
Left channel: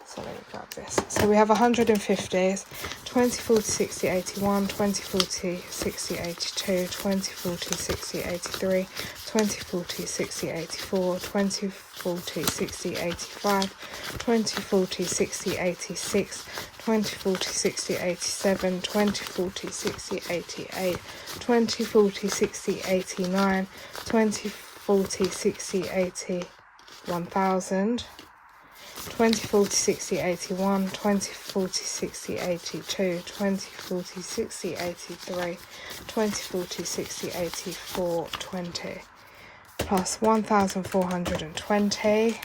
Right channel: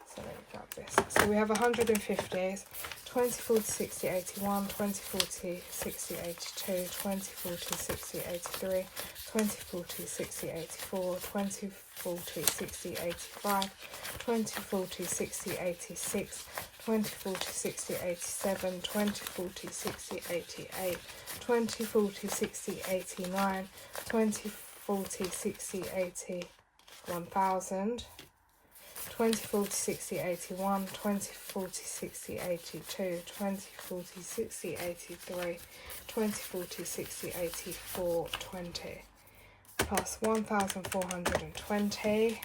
So let me grab this. So we have 150s, 20, 40, 60, 81, 20, 40, 60, 82, 20, 40, 60, 83, 20, 40, 60, 84, 20, 40, 60, 85, 20, 40, 60, 86, 20, 40, 60, 87, 20, 40, 60, 88, 20, 40, 60, 89, 20, 40, 60, 80, 1000. 20, 40, 60, 81, 20, 40, 60, 82, 20, 40, 60, 83, 20, 40, 60, 84, 20, plus 1,420.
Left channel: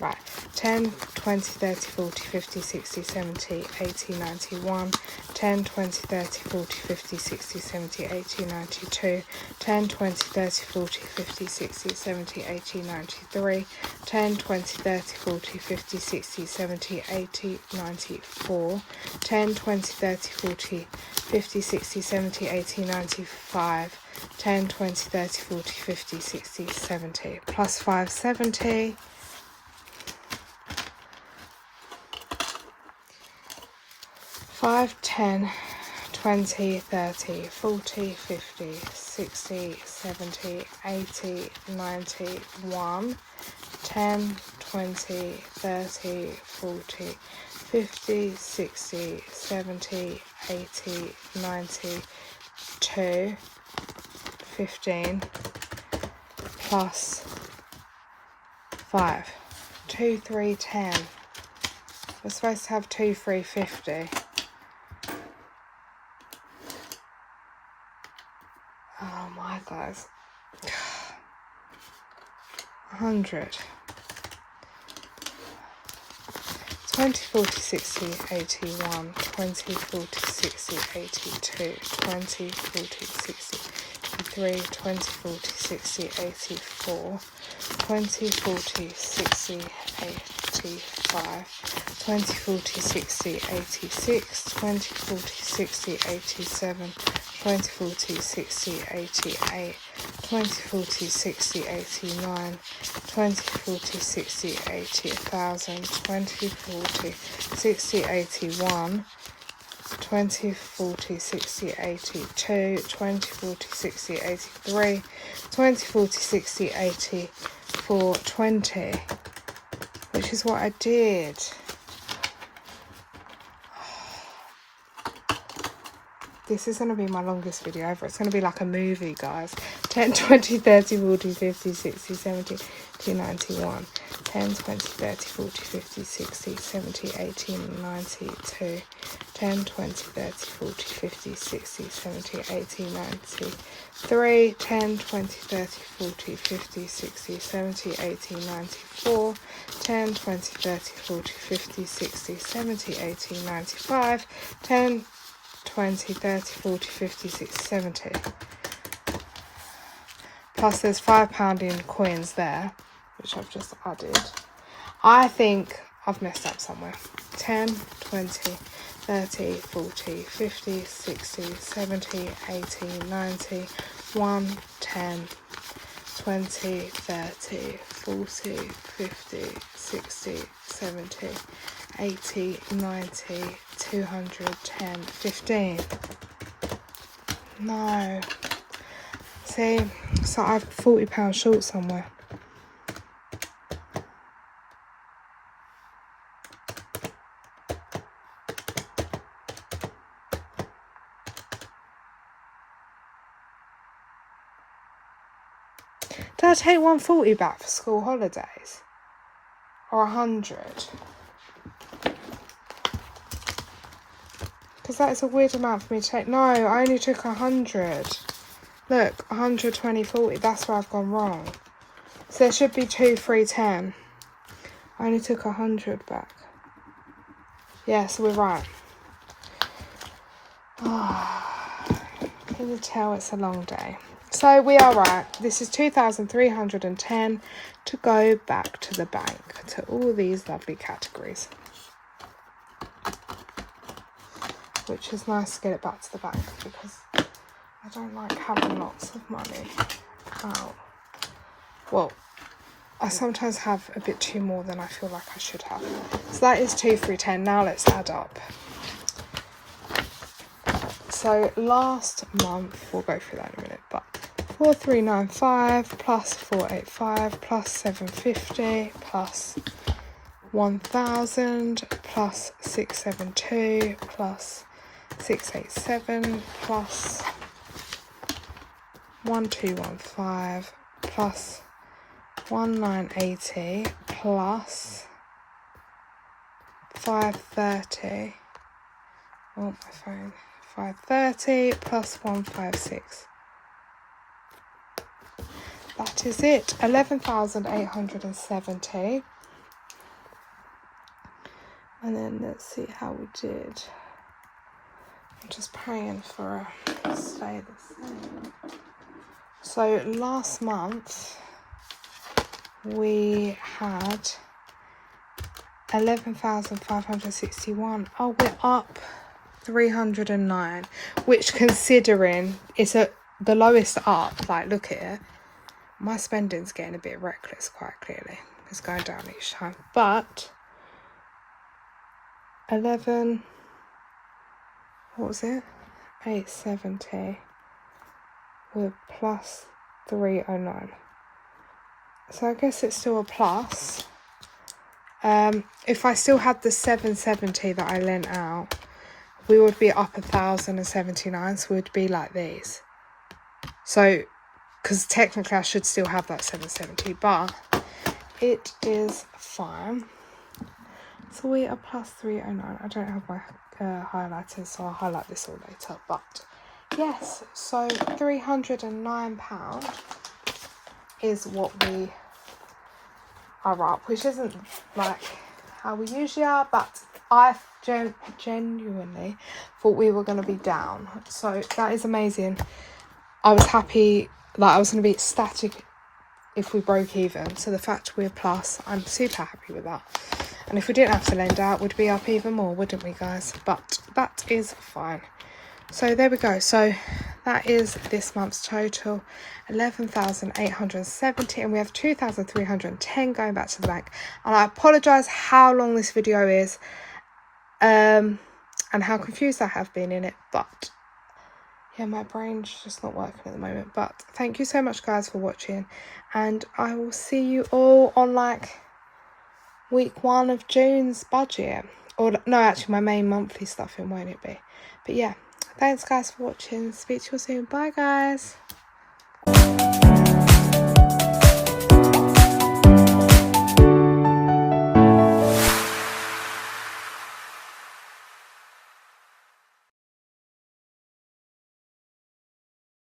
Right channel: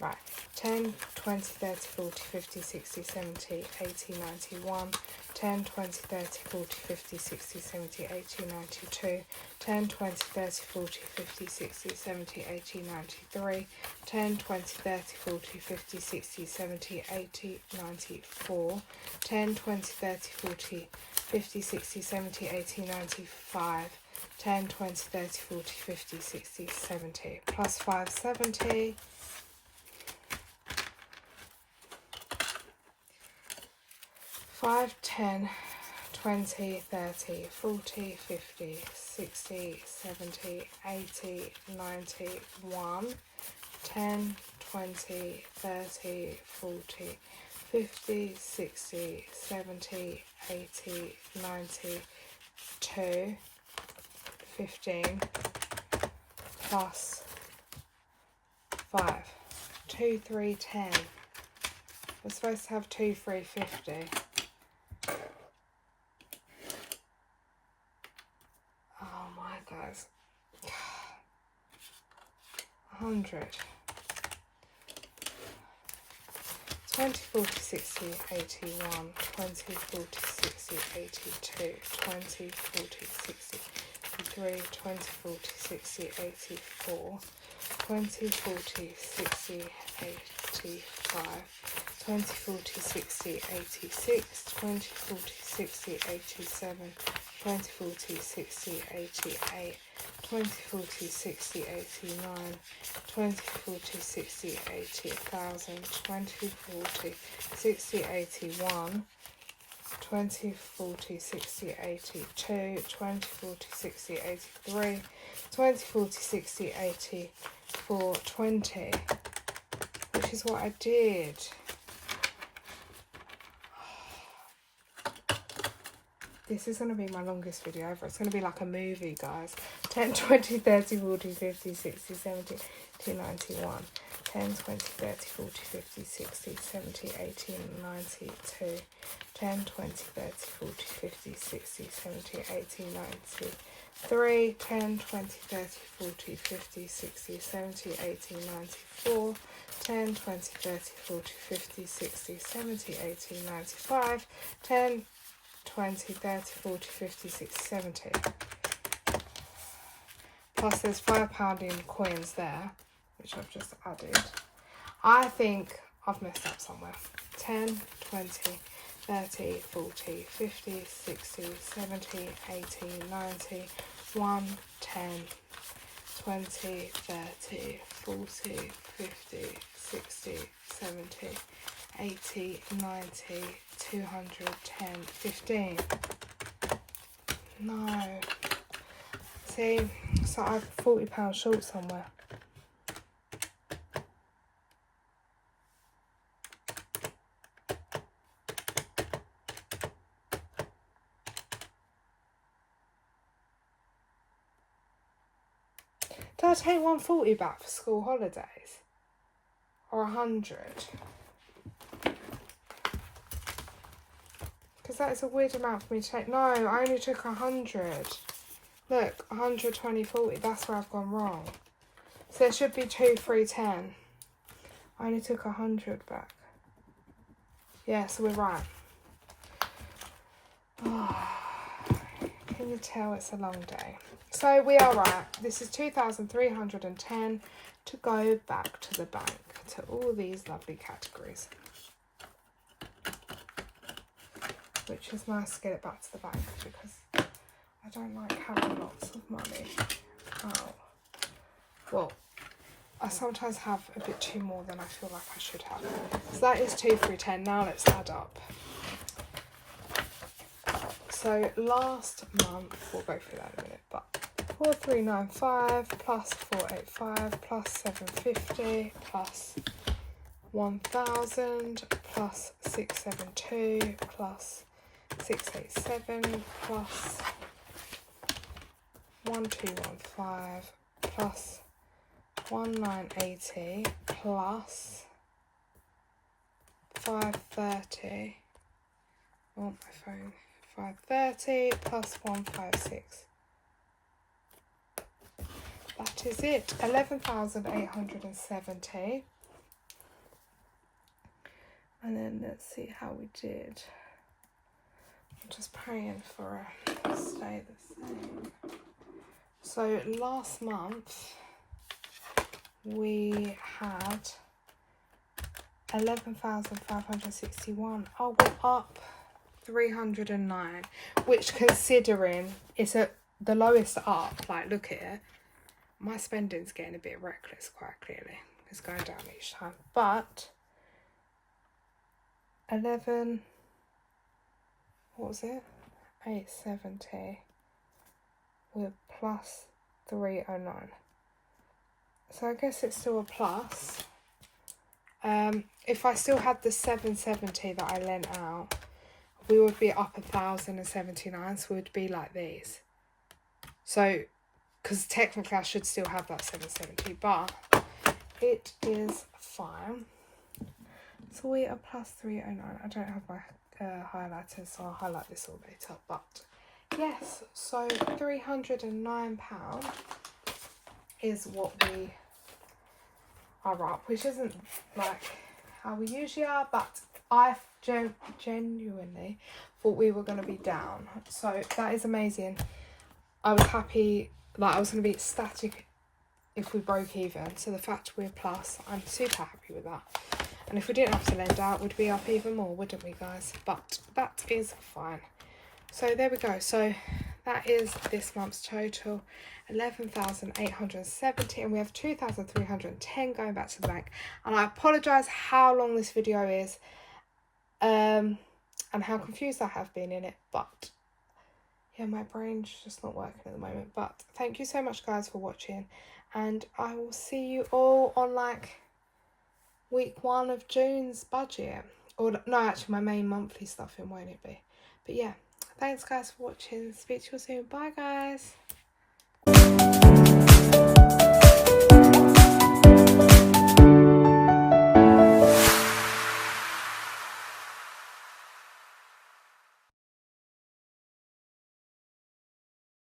Right, 10, 20, 30, 40, 50, 60, 70, 80, 91, 10, 20, 30, 40, 50, 60, 70, 80, 92, 10, 20, 30, 40, 50, 60, 70, 80, 93, 10, 20, 30, 40, 50, 60, 70, 80, 94, 10, 20, 30, 40, 50, 60, 70, 80, 95, 10, 20, 30, 40, 50, 60, 70, plus 570. 5, 10, 20, 30, 40, 50, 60, 70, 80, 91, 10, 20, 30, 40, 50, 60, 70, 80, 92, 15, plus 5, 2, 3, 10. We're supposed to have 2, 3, 50. Oh my guys. 100. 20, 40, 60, 81, 20, 40, 60, 82, 20, 40, 60, 83, 20, 40, 60, 84, 20, 40, 60, 85, 20, 40, 60, 86, 20, 40, 60, 87, 20, 40, 60, 88, 20, 40, 60, 89, 20, 40, 60, 80, 1,000, 20, 40, 60, 81, 20, 40, 60, 82, 20, 40, 60, 83, 20, 40, 60, 84, 20, which is what I did. This is going to be my longest video ever. It's going to be like a movie, guys. 10, 20, 30, 40, 50, 60, 70, 91. 10, 20, 30, 40, 50, 60, 70, 80, 92. 10, 20, 30, 40, 50, 60, 70, 80, 93. 10, 20, 30, 40, 50, 60, 70, 80, 94. 10, 20, 30, 40, 50, 60, 70, 80, 95. 10, 20, 30, 40, 50, 60, 70. Plus there's £5 in coins there, which I've just added. I think I've messed up somewhere. 10, 20, 30, 40, 50, 60, 70, 80, 90, 1, 10, 20, 30, 40, 50, 60, 70, 80, 90, 210, 15. No. See, so I'm £40 short somewhere. Did I take 140 back for school holidays? Or 100? Because that is a weird amount for me to take. No, I only took 100. Look, 120, 40. That's where I've gone wrong. So there should be 2, 3, 10. I only took 100 back. Yeah, so we're right. Oh, can you tell it's a long day? So we are right. This is 2,310 to go back to the bank to all these lovely categories. Which is nice to get it back to the bank because I don't like having lots of money out. Well, I sometimes have a bit too more than I feel like I should have. So that is 2, 3, 10. Now let's add up. So last month, we'll go through that in a minute, but 4,395 plus 485 plus 750 plus 1,000 plus 672 plus 687 plus 1,215 plus 1,980 plus 530. Oh, my phone. 530 plus 156. That is it. 11,870. And then let's see how we did. I'm just praying for a stay the same. So last month we had 11,561. Oh, we're up 309, which considering it's the lowest up, like look at it, my spending's getting a bit reckless quite clearly. It's going down each time, but 11, what was it, 870 with plus 309, so I guess it's still a plus. If I still had the 770 that I lent out, we would be up 1,079, so we'd be like these. So, because technically I should still have that 770, but it is fine. So we are plus 309. I don't have my highlighters, so I'll highlight this all later. But yes, so £309 is what we are up, which isn't like how we usually are, but I genuinely thought we were going to be down, so that is amazing. I was happy, like I was going to be ecstatic if we broke even, so the fact we're plus, I'm super happy with that. And if we didn't have to lend out, we'd be up even more, wouldn't we guys? But that is fine. So there we go. So that is this month's total, 11,870, and we have 2,310 going back to the bank. And I apologise how long this video is, and how confused I have been in it, but yeah, my brain's just not working at the moment. But thank you so much guys for watching, and I will see you all on like week 1 of June's budget, or no, actually my main monthly stuff, in won't it be? But yeah, thanks guys for watching. Speak to you soon. Bye guys.